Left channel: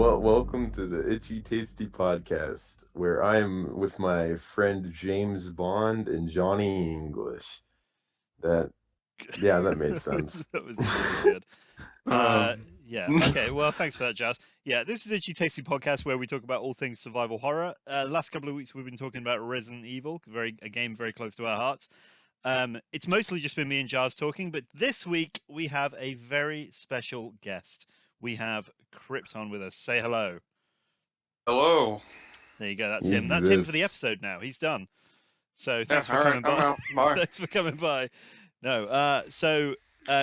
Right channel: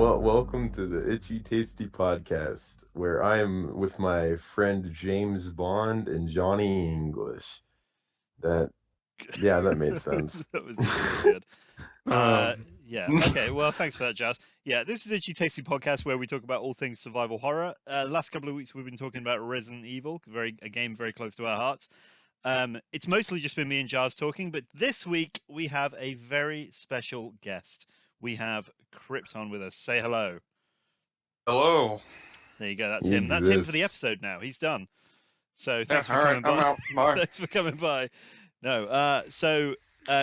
Well, welcome to the Itchy Tasty Podcast, where I am with my friend James Bond and Johnny English. That, yeah, that made sense. That was really good. Oh, Yeah. Okay. Well, thanks for that, Jazz. Yeah, this is Itchy Tasty Podcast where we talk about all things survival horror. The last couple of weeks we've been talking about Resident Evil, a game very close to our hearts. It's mostly just been me and Jazz talking, but this week we have a very special guest. We have Krypt on with us. Say hello. hello. There you go. That's He him. That's him for the exists. episode now. He's done. So Yeah, thanks for all right, coming I'm by. out. Bye. Thanks for coming by. No,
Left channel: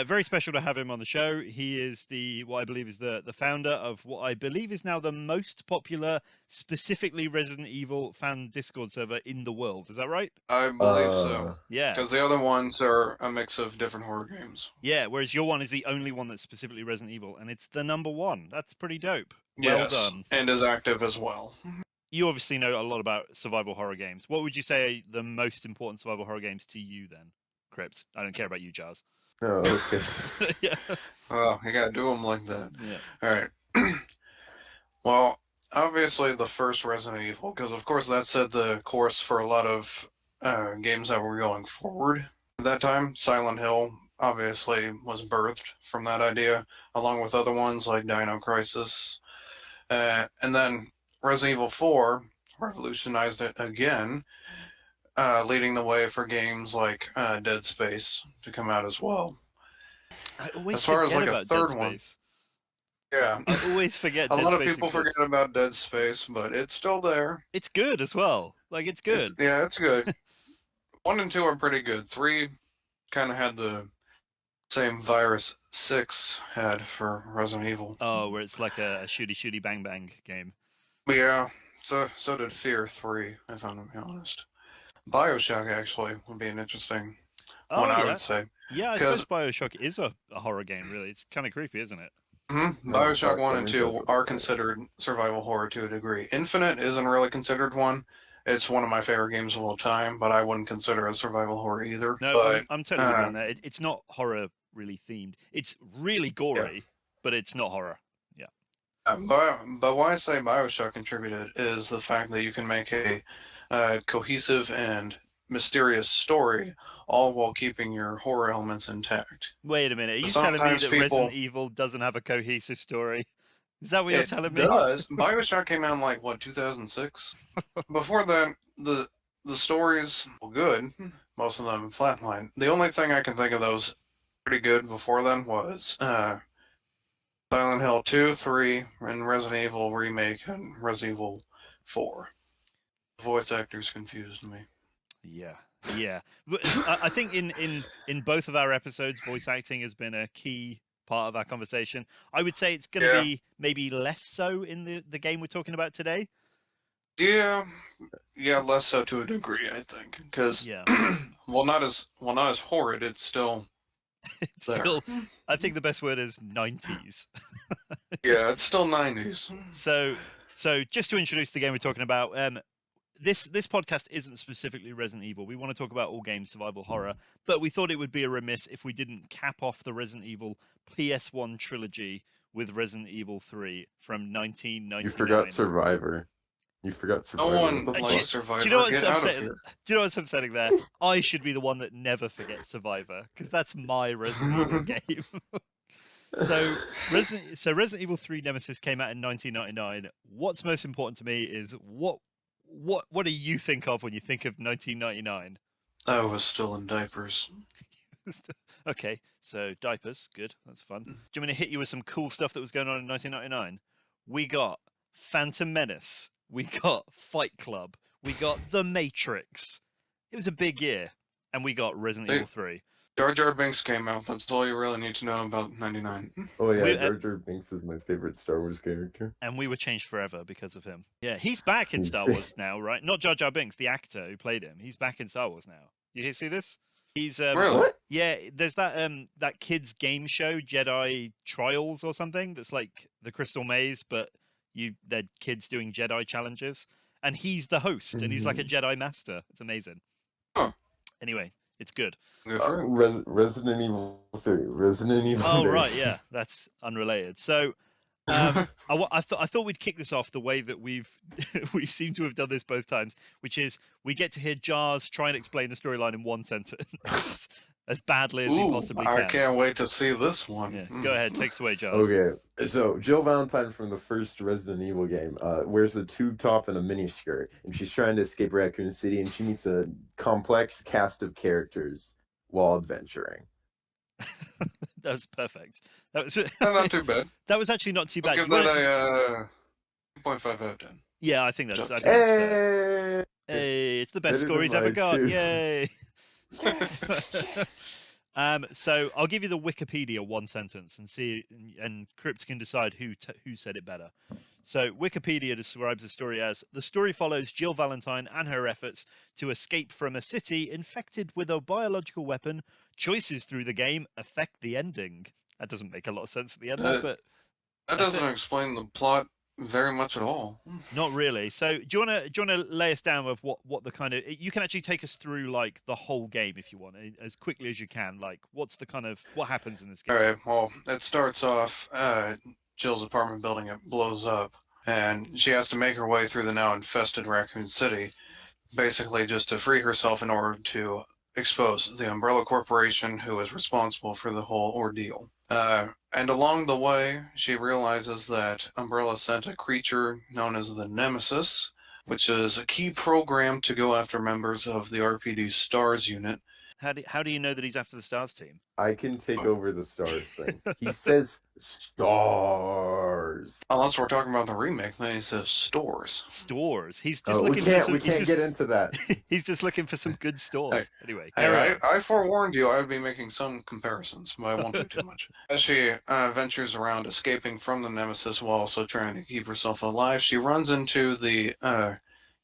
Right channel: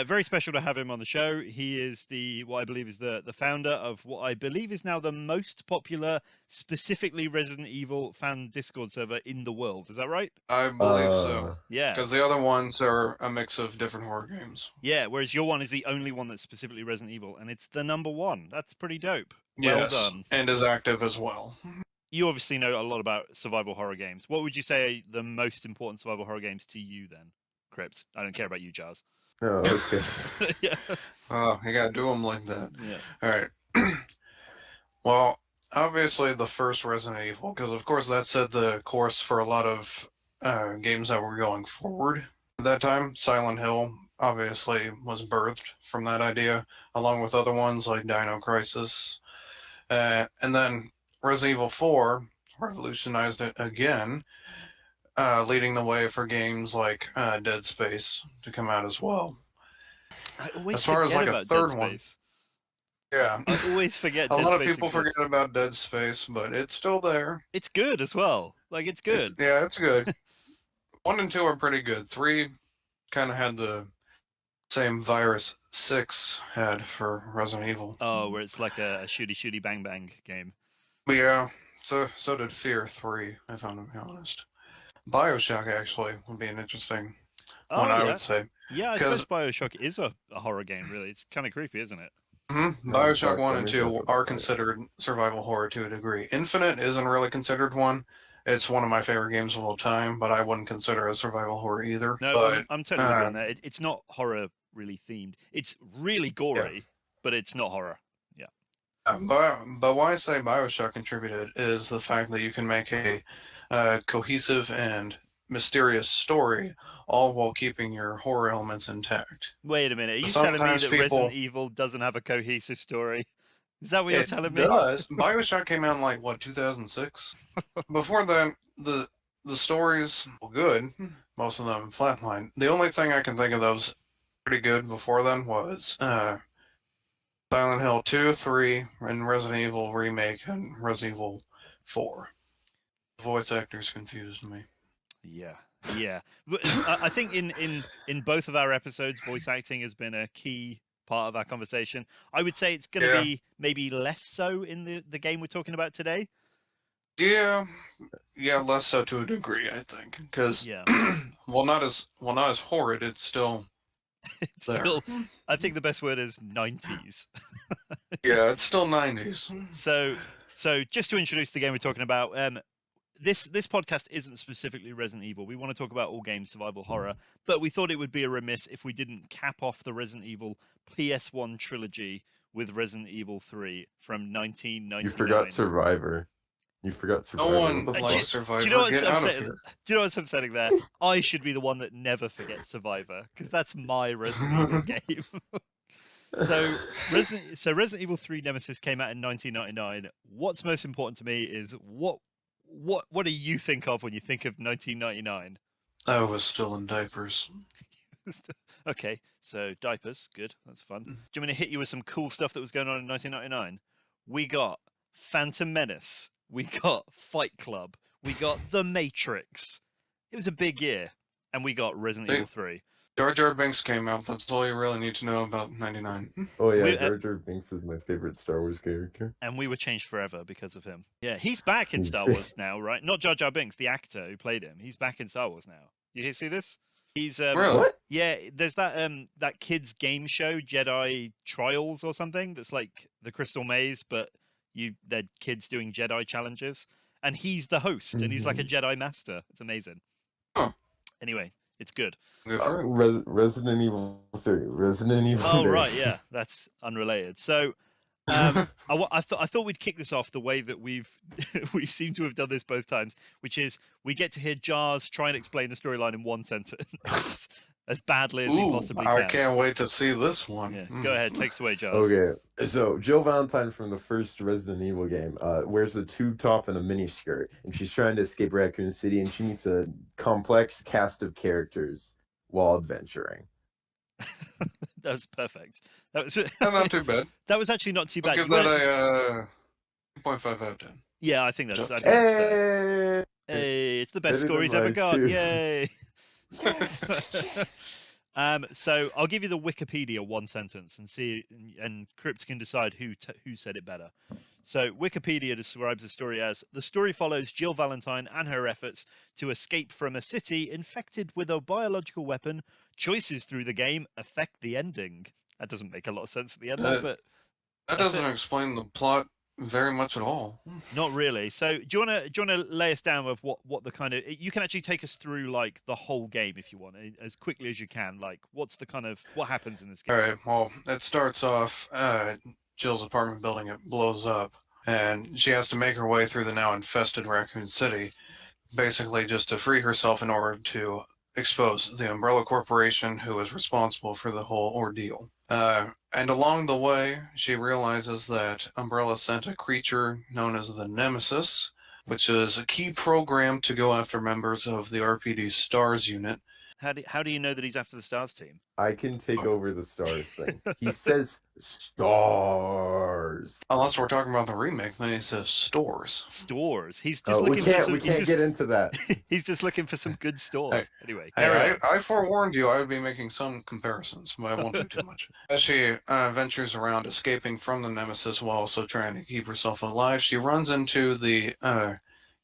very special to have him on the show. He is what I believe is the founder of what I believe is now the most popular, specifically Resident Evil fan Discord server in the world. Is that right? I believe so. Yeah. Because the other ones are a mix of different horror games. Yeah, whereas your one is the only one that's specifically Resident Evil, and it's the number one. That's pretty dope. Well Yes, done. and is active as well. You obviously know a lot about survival horror games. What would you say are the most important survival horror games to you then, Krypt? I don't care about you, Jazz. Oh, okay. Yeah. Oh, you gotta do them like that. Yeah. All right. Well, obviously the first Resident Evil, because of course that set the course for a lot of games that were going forward at that time. Silent Hill obviously was birthed from that idea, along with other ones like Dino Crisis. And then Resident Evil 4 revolutionized it again, leading the way for games like Dead Space to come out as well. I always As far as, forget like, a about Dead third one, Space. Yeah. I always forget A Dead lot of Space people exists. forget about Dead Space, but it's still there. It's good as well. Like, it's good. Yeah, it's good. 1 and 2 are pretty good. 3 kind of had the same virus 6 had for Resident Evil. Oh, where it's like a shooty bang bang game. But yeah, so did Fear 3, if I'm to be honest. Bioshock actually would be an interesting one, I yeah. would say. Yeah, I suppose Bioshock is a horror game, really. It's kind of creepy, isn't it? Bioshock 1 and 2 are considered survival horror to a degree. Infinite isn't really considered one. It's one of my favorite games of all time, but I wouldn't consider it a survival horror either. No, but, I'm totally with you on that. It's not horror really themed. It's really gory, but it's not horror. Yeah. But why I say Bioshock contributed is the fact that you can make a cohesive and mysterious story, all while keeping your horror elements intact. Wait a minute. Are you telling me Sometimes that Resident Evil doesn't have a cohesive story? Is that what you're telling me? It does. Bioshock came out in, like, what, 2006? Before then, the stories were good. Most of them flatlined. The only thing I can think of that was pretty good before then was Silent Hill 2, 3, and Resident Evil Remake, and Resident Evil 4. The voice actors confused me. Yeah. But I think in both of our episodes, voice acting has been a key part of our conversation. I would say it's going to be maybe less so in the game we're talking about today. Yeah, less so to a degree, I think, because well, not as horrid. It's still. It's still. I think the best word is 90s. Yeah, it's still 90s. So just to introduce the game we're talking about, this podcast isn't specifically Resident Evil. We want to talk about all games survival horror, but we thought it would be a remiss if we didn't cap off the Resident Evil PS1 trilogy with Resident Evil 3 from 1999. You forgot Survivor. No one likes Survivor. Do you know what's upsetting? Do you know what's upsetting there? I should be the one that never forgets Survivor because that's my Resident Evil game. So Resident Evil 3 Nemesis came out in 1999. What's most important to me is what do you think of when you think of 1999? I was still in diapers. Okay, so diapers, good, that's fun. Do you want me to hit you with some cool stuff that was going on in 1999? We got Phantom Menace, we got Fight Club, we got The Matrix. It was a big year, and we got Resident Evil 3. Jar Jar Binks came out. That's all you really need to know about 99. Oh yeah, Jar Jar Binks is my favorite Star Wars character. And we were changed forever because of him. Yeah, he's back in Star Wars now, right? Not Jar Jar Binks, the actor who played him. He's back in Star Wars now. You see this? He's really? What? Yeah, there's that kids game show, Jedi Trials or something. That's like the Crystal Maze, but they're kids doing Jedi challenges, and he's the host, and he's like a Jedi master. It's amazing. Huh. Anyway. It's good. Resident Evil 3. Resident Evil 3. Oh, right, yeah. That's unrelated. So, I thought we'd kick this off the way that we've we've seemed to have done this both times, which is we get to hear Jars try and explain the storyline in one sentence as badly as he Ooh, possibly I can. can't wait to see this one. Yeah, go ahead, take us away, Jars. Okay, so Jill Valentine from the first Resident Evil game wears a tube top and a mini skirt, and she's trying to escape Raccoon City, and she meets a complex cast of characters while adventuring. That was perfect. That was Not too bad. that was actually not too bad. I'll give You that wanna- a 2.5 out of 10. Yeah, I think that's fair. Hey, it's the best Better score than he's ever my got. twos. Yay! Yes. So I'll give you the Wikipedia one sentence and see, and Krypt can decide who said it better. So Wikipedia describes the story as: the story follows Jill Valentine and her efforts to escape from a city infected with a biological weapon. Choices through the game affect the ending. That doesn't make a lot of sense at the end there, but That that's doesn't it. explain the plot very much at all. Not really. So do you wanna lay us down with what the kind of, you can actually take us through like the whole game if you want, as quickly as you can. Like what's the kind of, what happens in this game? All right. Well, it starts off. Jill's apartment building, it blows up, and she has to make her way through the now infested Raccoon City, basically just to free herself in order to expose the Umbrella Corporation, who is responsible for the whole ordeal. And along the way, she realizes that Umbrella sent a creature known as the NEMESIS, which is a key program to go after members of the RPD STARS unit. How do you know that he's after the Stars team? I can take over the stars thing. He says stars. Unless we're talking about the remake, then he says stores. Stores. He's just We looking for can't. some. We can't get into that. He's just looking for some good stores. Anyway, Hey, carry on. I forewarned you I would be making some comparisons, but I won't do too much. As she ventures around escaping from the Nemesis while also trying to keep herself alive, she runs into the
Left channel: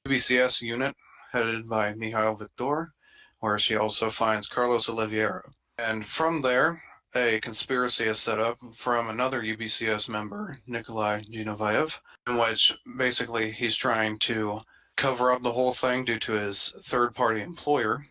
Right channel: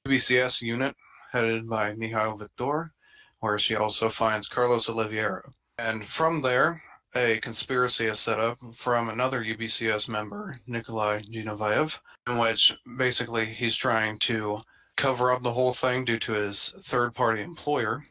UBCS unit headed by Mihail Victor, where she also finds Carlos Oliveira. And from there, a conspiracy is set up from another UBCS member, Nikolai Genovaev, in which basically he's trying to cover up the whole thing due to his third-party employer.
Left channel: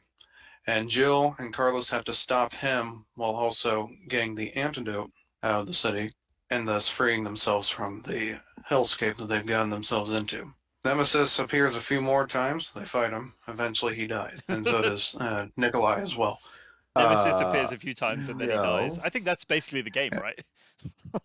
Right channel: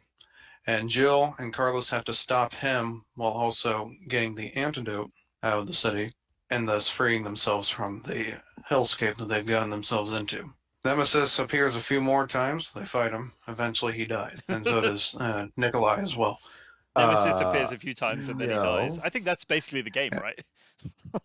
And Jill and Carlos have to stop him while also getting the antidote out of the city, and thus freeing themselves from the hellscape that they've gotten themselves into. Nemesis appears a few more times. They fight him. Eventually he dies. And so does Nikolai as well. Nemesis appears a few times and then he dies. I think that's basically the game, right?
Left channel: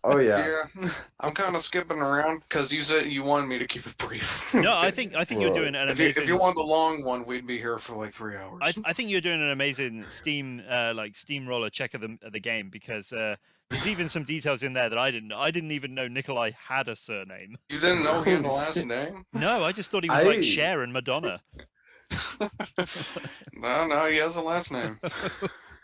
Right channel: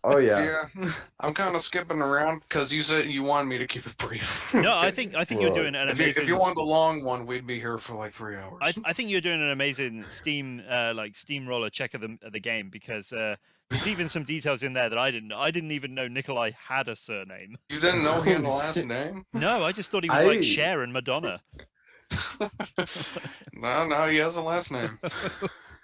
Oh yeah. Yeah, I'm kind of skipping around because you said you wanted me to keep it brief. No, I think you're doing an amazing. If you want the long one, we'd be here for like 3 hours. I think you're doing an amazing steamroller check of the game, because there's even some details in there that I didn't know. I didn't even know Nikolai had a surname. You didn't know he had a last name? No, I just thought he was like Cher and Madonna. No, he has a last name.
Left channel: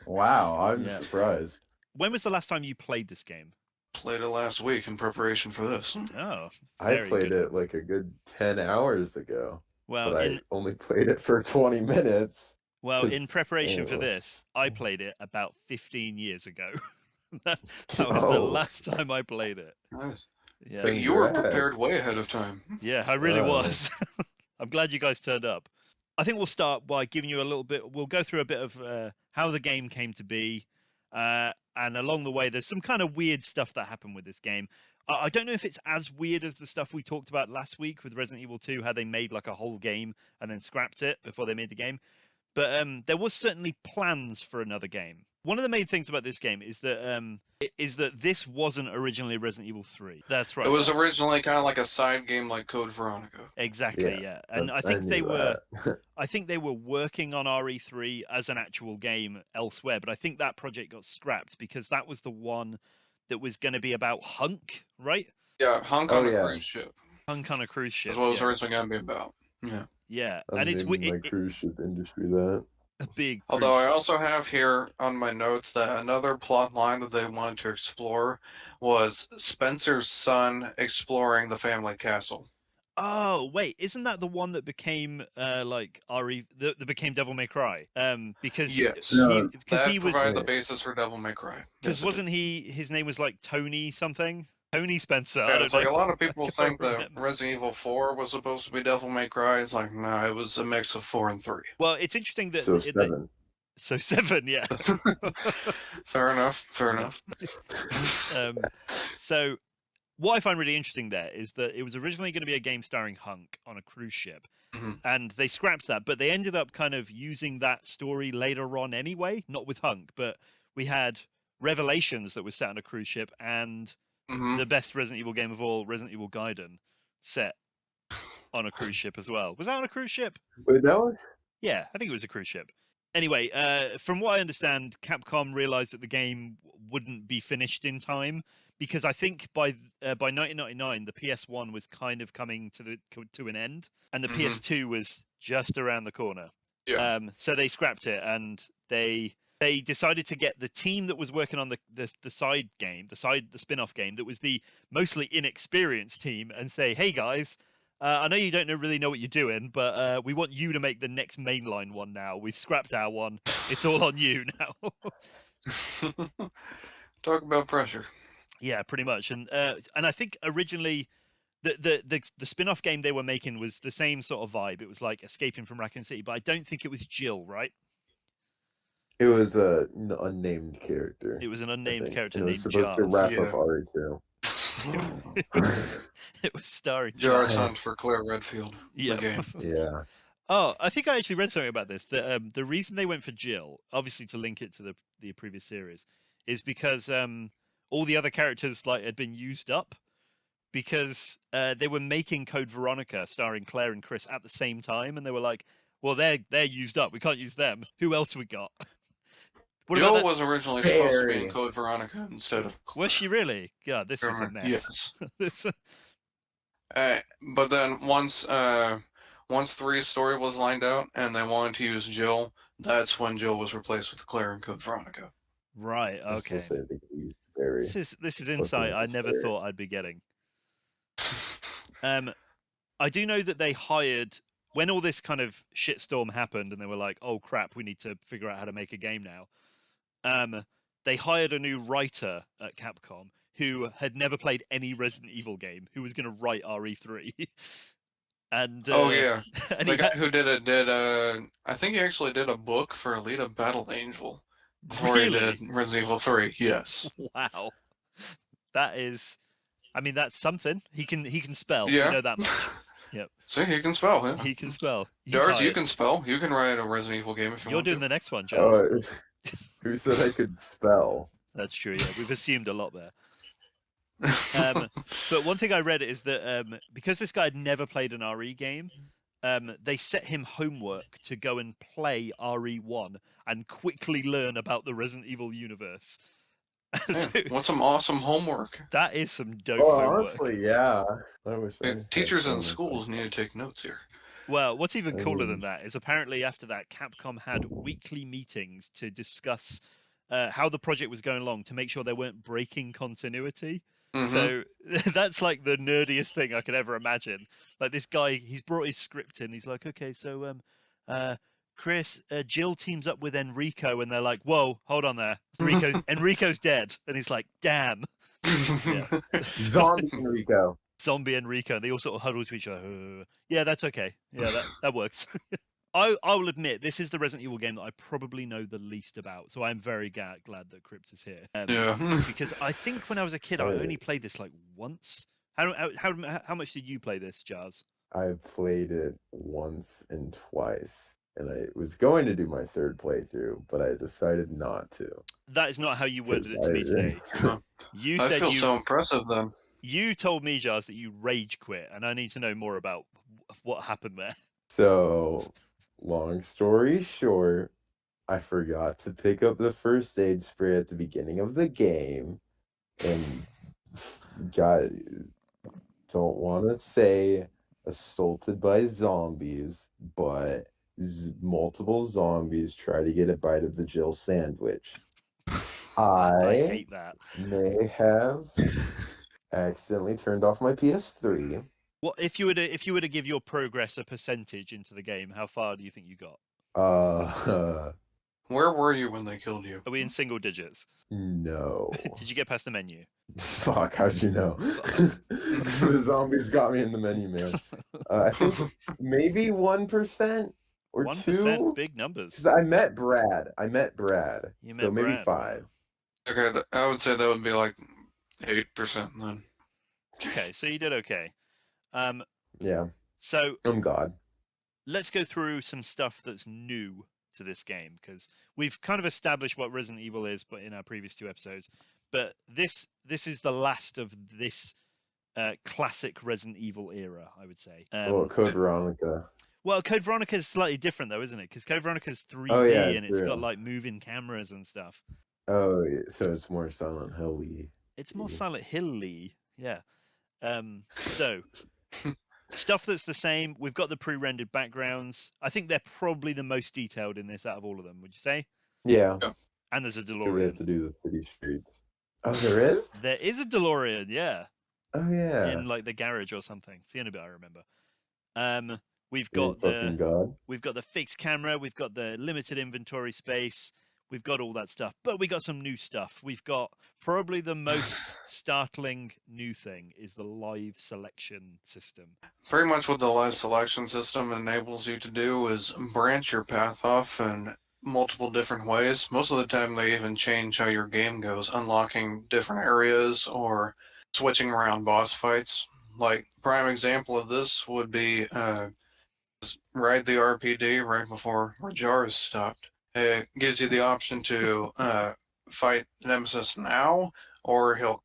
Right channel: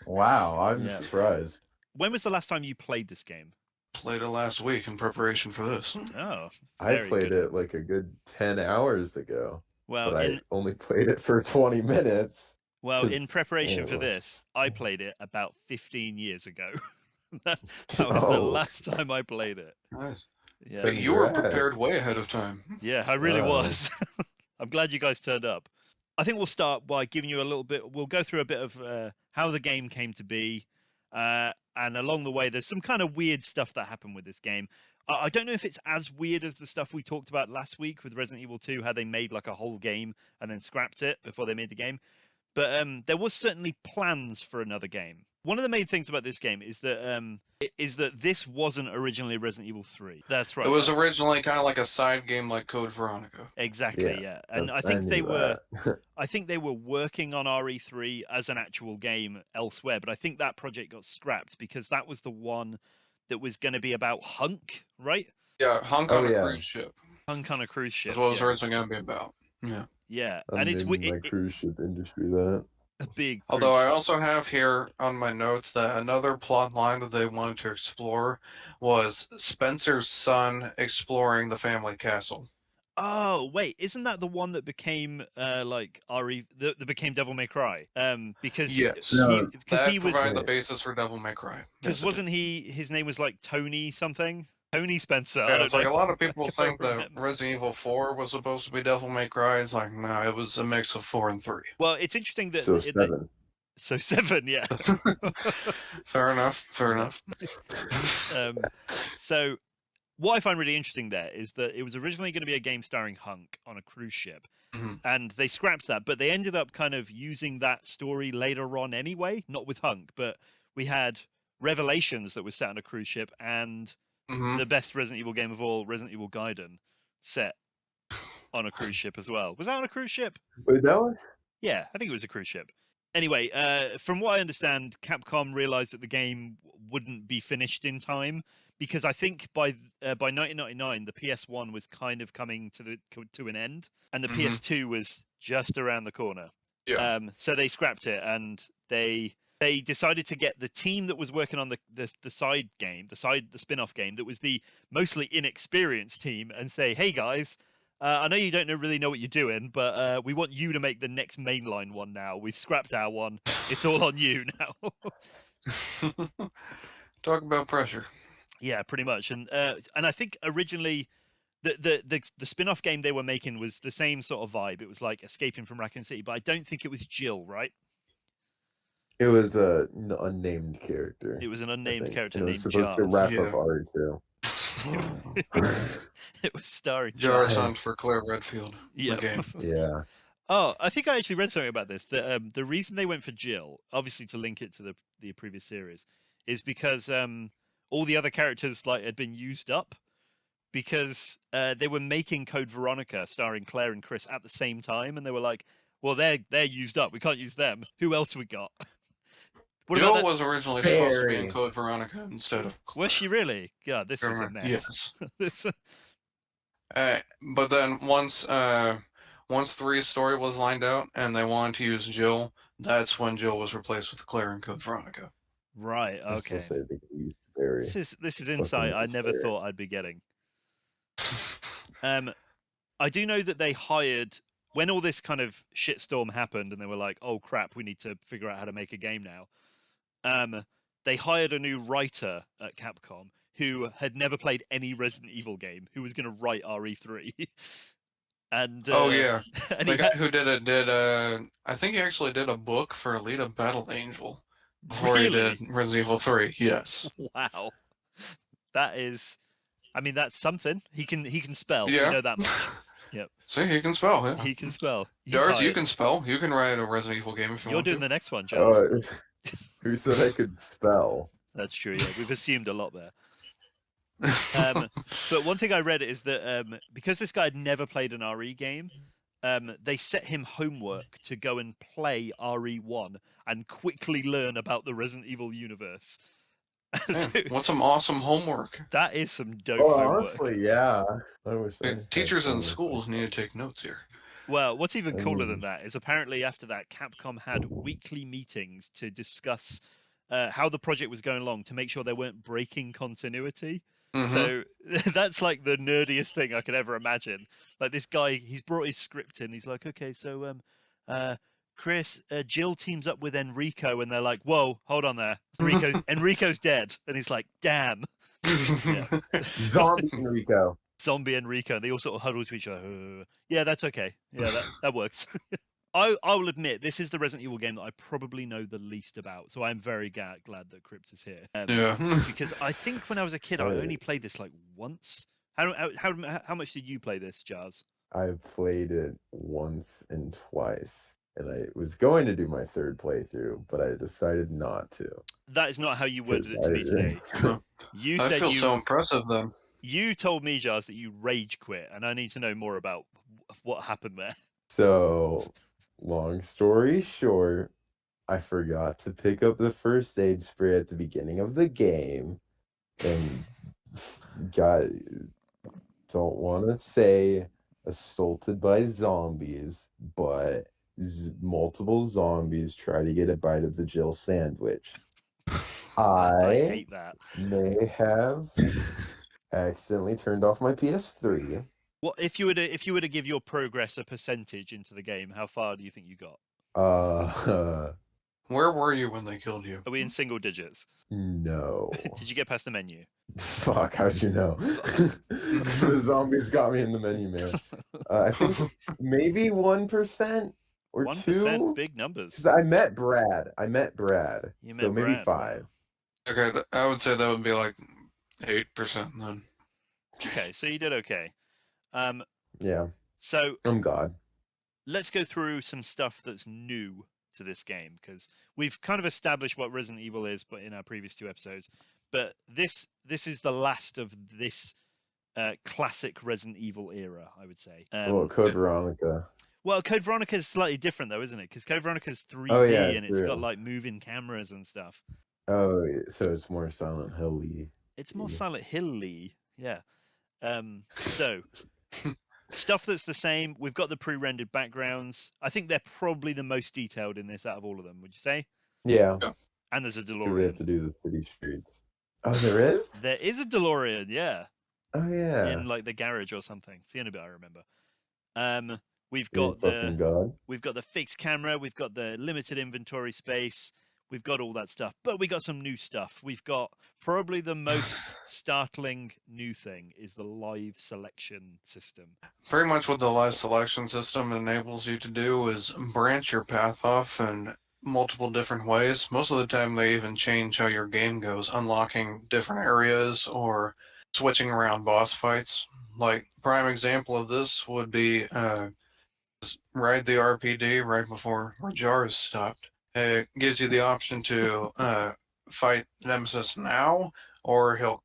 Wow, I'm surprised. When was the last time you played this game? Played it last week in preparation for this. Oh, I played it like a good 10 hours ago. Well, but I only played it for 20 minutes. Well, in preparation for this, I played it about 15 years ago. that was the last time I played it. Nice. Yeah, you were prepared way ahead of time. Yeah, I really was. I'm glad you guys turned up. I think we'll start by giving you a little bit. We'll go through a bit of how the game came to be, and along the way, there's some kind of weird stuff that happened with this game. I don't know if it's as weird as the stuff we talked about last week with Resident Evil 2, how they made like a whole game and then scrapped it before they made the game. But there was certainly plans for another game. One of the main things about this game is that this wasn't originally Resident Evil 3. That's right. It was originally kind of like a side game like Code Veronica. Exactly, yeah. And I think they were working on RE3 as an actual game elsewhere, but I think that project got scrapped because that was the one that was going to be about Hunk, right? Yeah, Hunk on a cruise ship. Hunk on a cruise ship. That's what it was originally going to be about. Yeah. Yeah, and it's my cruise ship industry that. A big. Although I also have here on my notes that another plot line that they wanted to explore was Spencer's son exploring the family castle. Oh wait, isn't that the one that became that became Devil May Cry? Because yes, he was the basis for Devil May Cry. Because wasn't his name was like Tony something? Tony Spencer. Yeah, it's like a lot of people think that Resident Evil 4 was supposed to be Devil May Cry. It's like, no, it was a mix of 4 and 3. Well, it's interesting that... So 7. So 7, yeah. Fair enough. So what I find really interesting there is that it was originally going to be a game starring Hunk on a cruise ship, Mhm. and they scrapped that, but they ended up kind of using that story later on anyway, not with Hunk, but we had Revelations that was set on a cruise ship, and Mhm. the best Resident Evil game of all, Resident Evil Gaiden, set on a cruise ship as well. Was that on a cruise ship? Wait, that one? Yeah, I think it was a cruise ship. Anyway, from what I understand, Capcom realized that the game wouldn't be finished in time because I think by 1999 the PS1 was kind of coming to an end, and the Mhm. PS2 was just around the corner. Yeah. So they scrapped it, and they decided to get the team that was working on the side game, the spin-off game that was the mostly inexperienced team, and say, hey guys, I know you don't really know what you're doing, but we want you to make the next mainline one now. We've scrapped our one. It's all on you now. Talk about pressure. Yeah, pretty much. And I think originally the spin-off game they were making was the same sort of vibe. It was like escaping from Raccoon City, but I don't think it was Jill, right? It was a unnamed character. It was an I unnamed think. character And it was named supposed to Jars. wrap up Yeah. RE2. It was starring Jars Jars. Hunt for Claire Redfield. Yeah. The game. Yeah. Oh, I think I actually read something about this. The reason they went for Jill, obviously to link it to the previous series, is because all the other characters like had been used up because they were making Code Veronica starring Claire and Chris at the same time, and they were like, well, they're used up. We can't use them. Who else we got? What about Jill that? was originally supposed to be in Barry. Code Veronica instead of Was she really? God, this was a Claire. mess. Yes. This, But then once 3's story was lined out and they wanted to use Jill, that's when Jill was replaced with Claire in Code Veronica. right. I still Okay. say they could use Barry. This is Fucking insight I use never Barry. thought I'd be getting. I do know that they hired when all this kind of shitstorm happened, and they were like, "Oh crap, we need to figure out how to make a game now." They hired a new writer at Capcom who had never played any Resident Evil game, who was going to write RE3. And Oh yeah, and the he guy had who did I think he actually did a book for Alita Battle Angel before he really, did Resident Evil 3. Yes. wow, that is, I mean, that's something. He can spell. We Yeah. know that much. Yep, See, he can spell. Yeah. he can spell. He's Jars, you hired. can spell. You can write a Resident Evil game if you You're want doing to. the next one, Jars. Who said I could spell? That's true. Yeah, we've assumed a lot there. But one thing I read is that because this guy had never played an RE game, they set him homework to go and play RE1 and quickly learn about the Resident Evil universe. So Yeah, what's some awesome homework? that is some dope Oh, homework. honestly, yeah. I wish I had Teachers in homework schools like need to take notes here. Well, what's even I cooler mean- than that is apparently after that, Capcom had weekly meetings to discuss how the project was going along to make sure they weren't breaking continuity. Mhm. So that's like the nerdiest thing I could ever imagine. Like this guy, he's brought his script in. He's like, okay, so Chris, Jill teams up with Enrico, and they're like, whoa, hold on there, Enrico's dead, and he's like, damn, yeah. Zombie Enrico. Zombie Enrico. They all sort of huddle to each other. Yeah, that's okay. Yeah, that works. I will admit this is the Resident Evil game that I probably know the least about, so I'm very glad that Krypt is here. Yeah. Because I think when I was a kid, I Oh. only played this like once. How much did you play this, Jazz? I played it once and twice, and I was going to do my third playthrough, but I decided not to. That is not how you worded it to me today. You I said feel so impressive then. you told me, Jazz, that you rage quit, and I need to know more about what happened there. So, long story short, I forgot to pick up the first aid spray at the beginning of the game, and don't want to say assaulted by zombies, but multiple zombies try to get a bite of the Jill sandwich. I hate that. may have accidentally turned off my PS3. What if you were to give your progress a percentage into the game? How far do you think you got? Where were you when they killed you? Are we in single digits? No. Did you get past the menu? Fuck, how'd you know? The zombies got me in the menu, man. I think maybe 1% or 1%, 2%. big numbers. 'Cause I met Brad. You So met maybe Brad, wow. 5. Okay, I would say that would be like 8% then. Okay, so you did okay. Yeah, So I'm God. let's go through some stuff that's new to this game, because we've kind of established what Resident Evil is, but in our previous 2 episodes. But this is the last of this classic Resident Evil era, I would say. Well, Code Veronica. Well, Code Veronica is slightly different though, isn't it? Because Code Veronica is 3D Oh yeah, and it's got true. like moving cameras and stuff. Oh, so it's more Silent Hill-y. It's more Silent Hill-y, yeah. So stuff that's the same. We've got the pre-rendered backgrounds. I think they're probably the most detailed in this out of all of them. Would you say? Yeah, Yeah. And there's a because they have DeLorean. to do the city streets. Oh, there is? There is a DeLorean, yeah, Oh yeah. in like the garage or something. It's the only bit I remember. We've You're got fucking God. the fixed camera, we've got the limited inventory space, we've got all that stuff, but we got some new stuff. We've got probably the most startling new thing is the live selection system. Pretty much what the live selection system enables you to do is branch your path off in multiple different ways. Most of the time, they even change how your game goes, unlocking different areas or switching around boss fights. Like, prime example of this would be just ride the RPD right before Rajars stopped. It gives you the option to fight Nemesis now, or he'll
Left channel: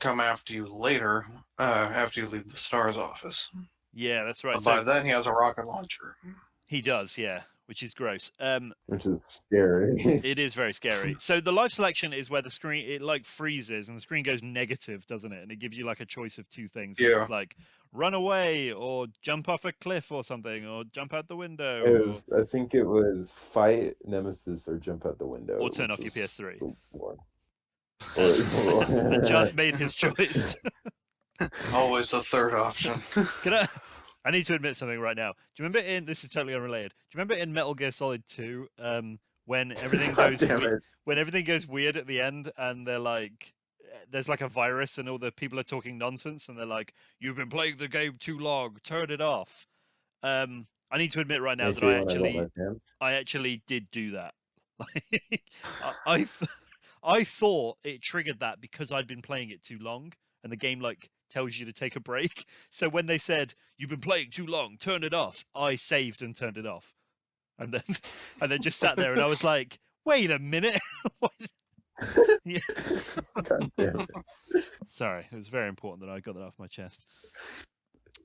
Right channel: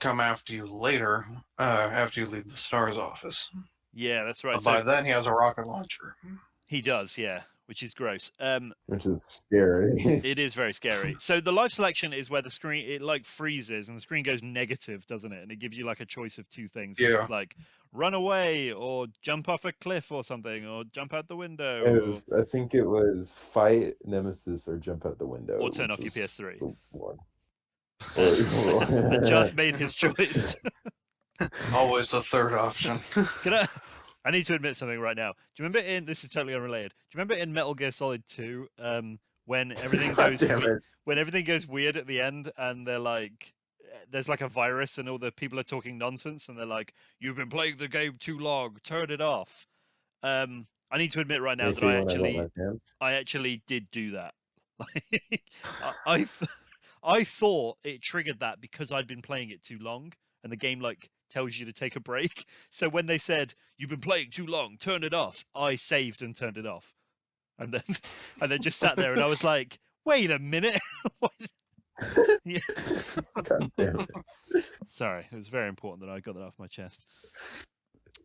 come after you later after you leave the STARS office. Yeah, that's right. But So by then, he has a rocket launcher. he does, yeah, which is gross. Which is scary. It is very scary. So the live selection is where the screen it like freezes and the screen goes negative, doesn't it? And it gives you like a choice of 2 things, which Yeah. is like run away or jump off a cliff or something or jump out the window It was, I think it was fight Nemesis or jump out the window. or turn which off your was PS3. the one. And just made his choice. Always the third option. Can I need to admit something right now. Do you remember this is totally unrelated. Do you remember in Metal Gear Solid 2, when everything God goes damn it. when everything goes weird at the end and they're like there's like a virus and all the people are talking nonsense and they're like, you've been playing the game too long, turn it off. I need to admit right now They that feel when I wet my pants. I actually did do that. Like, I I thought it triggered that because I'd been playing it too long and the game like tells you to take a break. So when they said you've been playing too long, turn it off, I saved and turned it off. And then just sat there and I was like, wait a minute. Yeah. God damn it. Sorry, it was very important that I got that off my chest.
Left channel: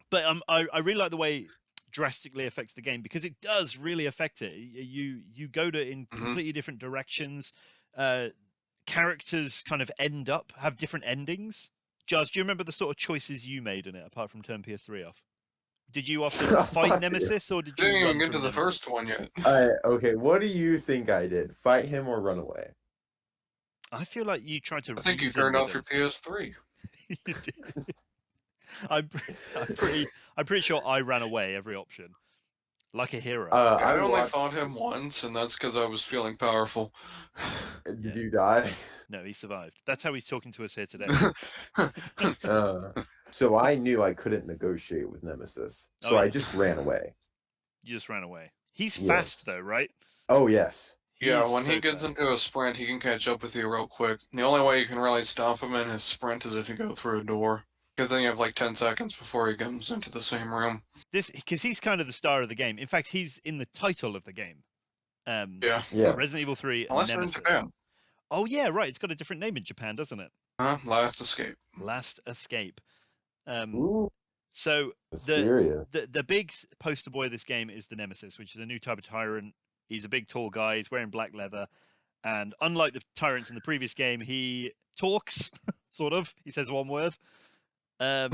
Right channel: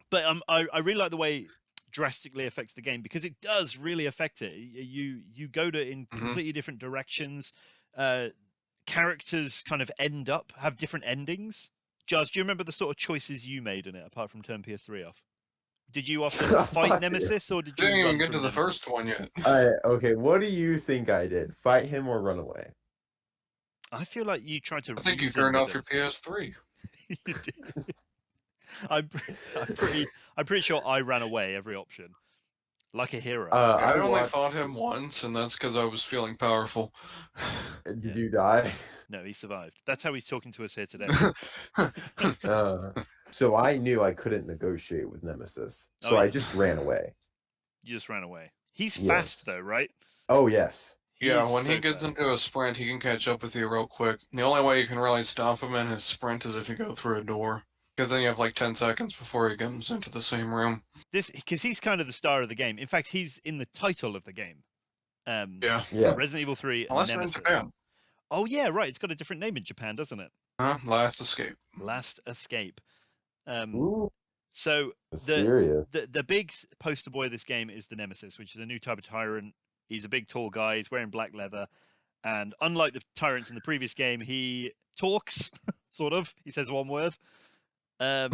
But I really like the way it drastically affects the game because it does really affect it. You go to in completely different directions. Characters kind of have different endings. Jazz, do you remember the sort of choices you made in it apart from turn PS3 off? Did you often fight Fuck Nemesis or did you Didn't run even get from to the Nemesis? first one yet. Okay, what do you think I did? Fight him or run away? I feel like you tried to I think you reason turned with off your him. PS3. You did. I'm pretty sure I ran away every option, like a hero. I I only watched. fought him once, and that's because I was feeling powerful. Did Yeah. you die? No, he survived. That's how he's talking to us here today. So I knew I couldn't negotiate with Nemesis, so Oh, I yeah. just ran away. You just ran away. He's Yes. fast though, right? Oh yes. Yeah, He's when he so gets fast. into a sprint, he can catch up with you real quick. The only way you can really stop him in his sprint is if you go through a door. Because then you have like 10 seconds before he comes into the same room. Because he's kind of the star of the game. In fact, he's in the title of the game. Yeah. Yeah. Resident Evil 3 Unless you're in Nemesis. Japan. Oh yeah, right. It's got a different name in Japan, doesn't it? Last Escape. Last Escape. Ooh, So mysterious. the big poster boy of this game is the Nemesis, which is a new type of tyrant. He's a big, tall guy. He's wearing black leather, and unlike the tyrants in the previous game, he talks sort of. He says one word. And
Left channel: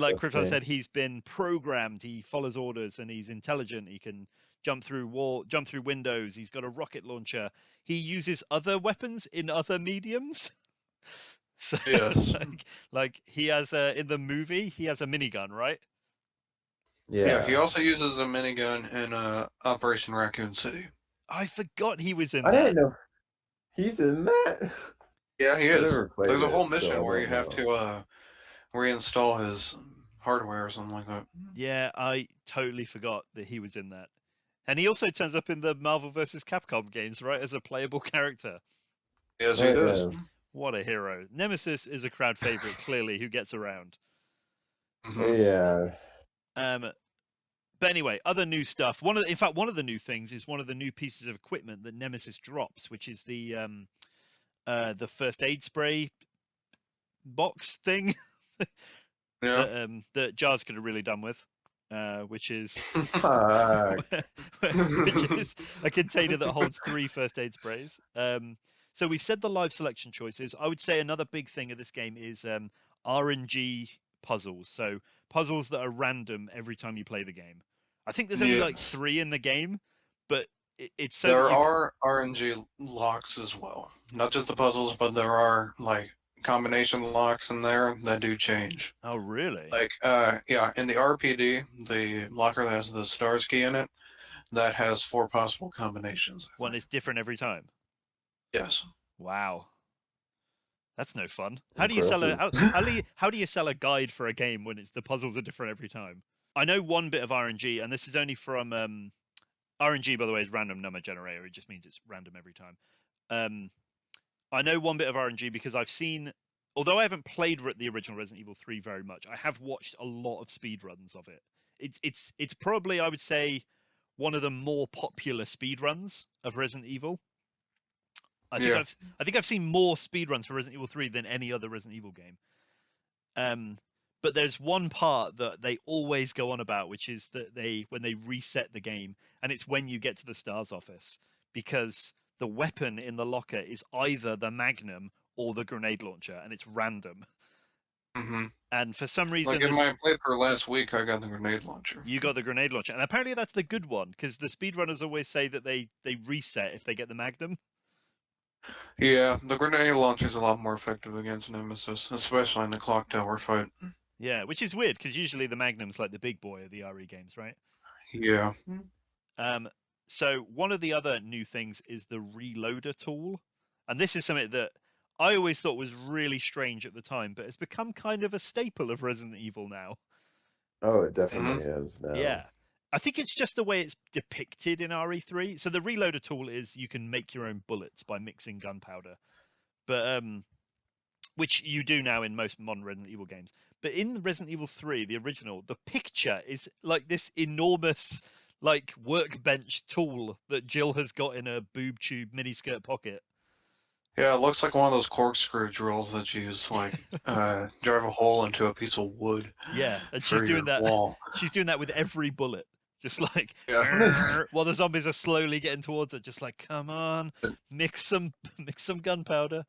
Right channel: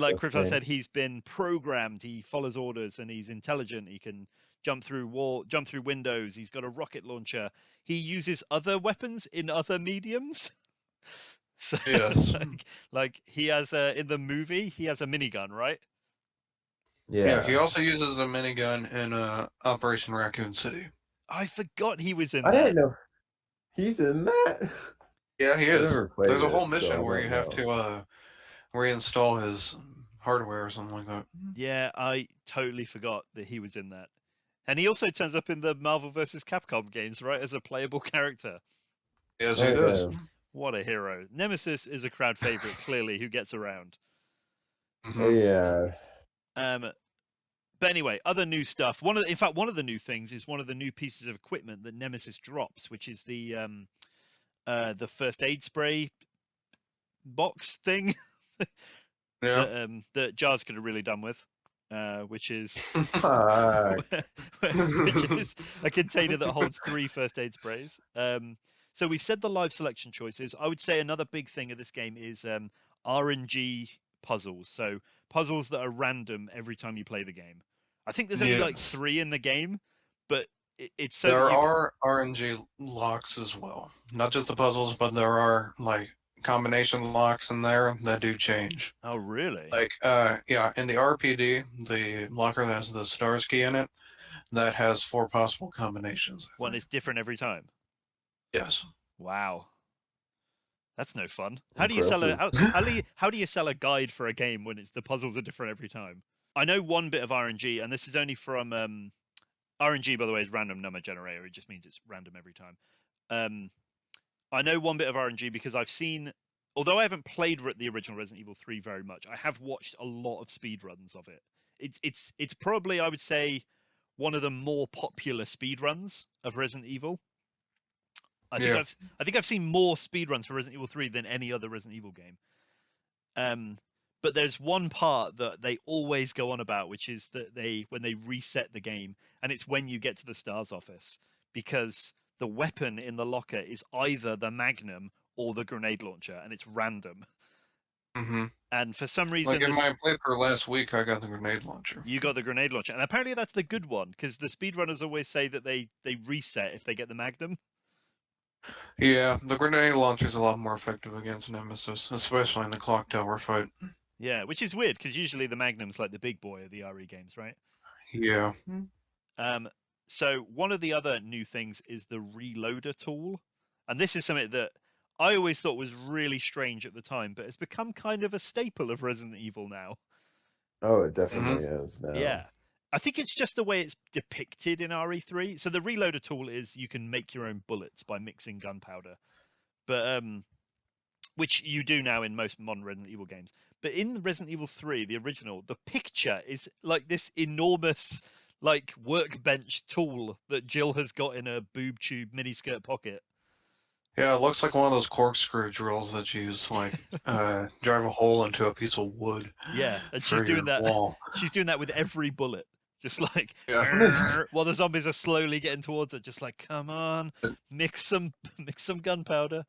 like Krypt Okay. said, he's been programmed. He follows orders, and he's intelligent. He can jump through windows. He's got a rocket launcher. He uses other weapons in other mediums. So, Yes. like he has in the movie, he has a minigun, right? Yeah, he also uses a minigun in Operation Raccoon City. I forgot he was in I that. didn't know he's in that. Yeah, he I is. never played There's a whole it, so I mission where don't you have know. to reinstall his hardware or something like that. Yeah, I totally forgot that he was in that. And he also turns up in the Marvel vs. Capcom games, right, as a playable character. Yes, Oh, he does. yeah. What a hero. Nemesis is a crowd favorite, clearly, who gets around. Mhm. Yeah. But anyway, other new stuff. One of the new things is one of the new pieces of equipment that Nemesis drops, which is the first aid spray box thing Yeah. that Jars could have really done with, which is Fuck. which is a container that holds 3 first aid sprays. So we've said the live selection choices. I would say another big thing of this game is RNG puzzles. So puzzles that are random every time you play the game. I think there's only like Yes. 3 in the game, but it's so There that you are RNG locks as well. Not just the puzzles, but there are like combination locks in there that do change. Oh, really? Like, yeah, in the RPD, the locker that has the stars key in it, that has 4 possible combinations. I One think. is different every time. Yes. Wow. That's no fun. Impressive. How do you sell a guide for a game when it's the puzzles are different every time? I know one bit of RNG, and this is only from RNG, by the way, is random number generator. It just means it's random every time. I know one bit of RNG because I've seen, although I haven't played the original Resident Evil 3 very much, I have watched a lot of speedruns of it. It's probably, I would say, one of the more popular speedruns of Resident Evil. Yeah. I think I've seen more speedruns for Resident Evil 3 than any other Resident Evil game. But there's one part that they always go on about, which is that when they reset the game, and it's when you get to the STARS office, because the weapon in the locker is either the Magnum or the grenade launcher, and it's random. Mm-hmm. And for some reason, Like in my playthrough last week, I got the grenade launcher. you got the grenade launcher, and apparently that's the good one, because the speedrunners always say that they reset if they get the Magnum. Yeah, the grenade launcher is a lot more effective against Nemesis, especially in the clock tower fight. Yeah, which is weird because usually the Magnum's like the big boy of the RE games, right? Yeah. So one of the other new things is the reloader tool, and this is something that I always thought was really strange at the time, but it's become kind of a staple of Resident Evil now. Oh, it definitely is now. Yeah. I think it's just the way it's depicted in RE3. So the reloader tool is you can make your own bullets by mixing gunpowder, but which you do now in most modern Resident Evil games. But in Resident Evil 3, the original, the picture is like this enormous like workbench tool that Jill has got in a boob tube miniskirt pocket. Yeah, it looks like one of those corkscrew drills that you use, like, drive a hole into a piece of wood Yeah, and for she's doing your that. wall. She's doing that with every bullet, just like Yeah. while the zombies are slowly getting towards it, just like come on, mix some gunpowder.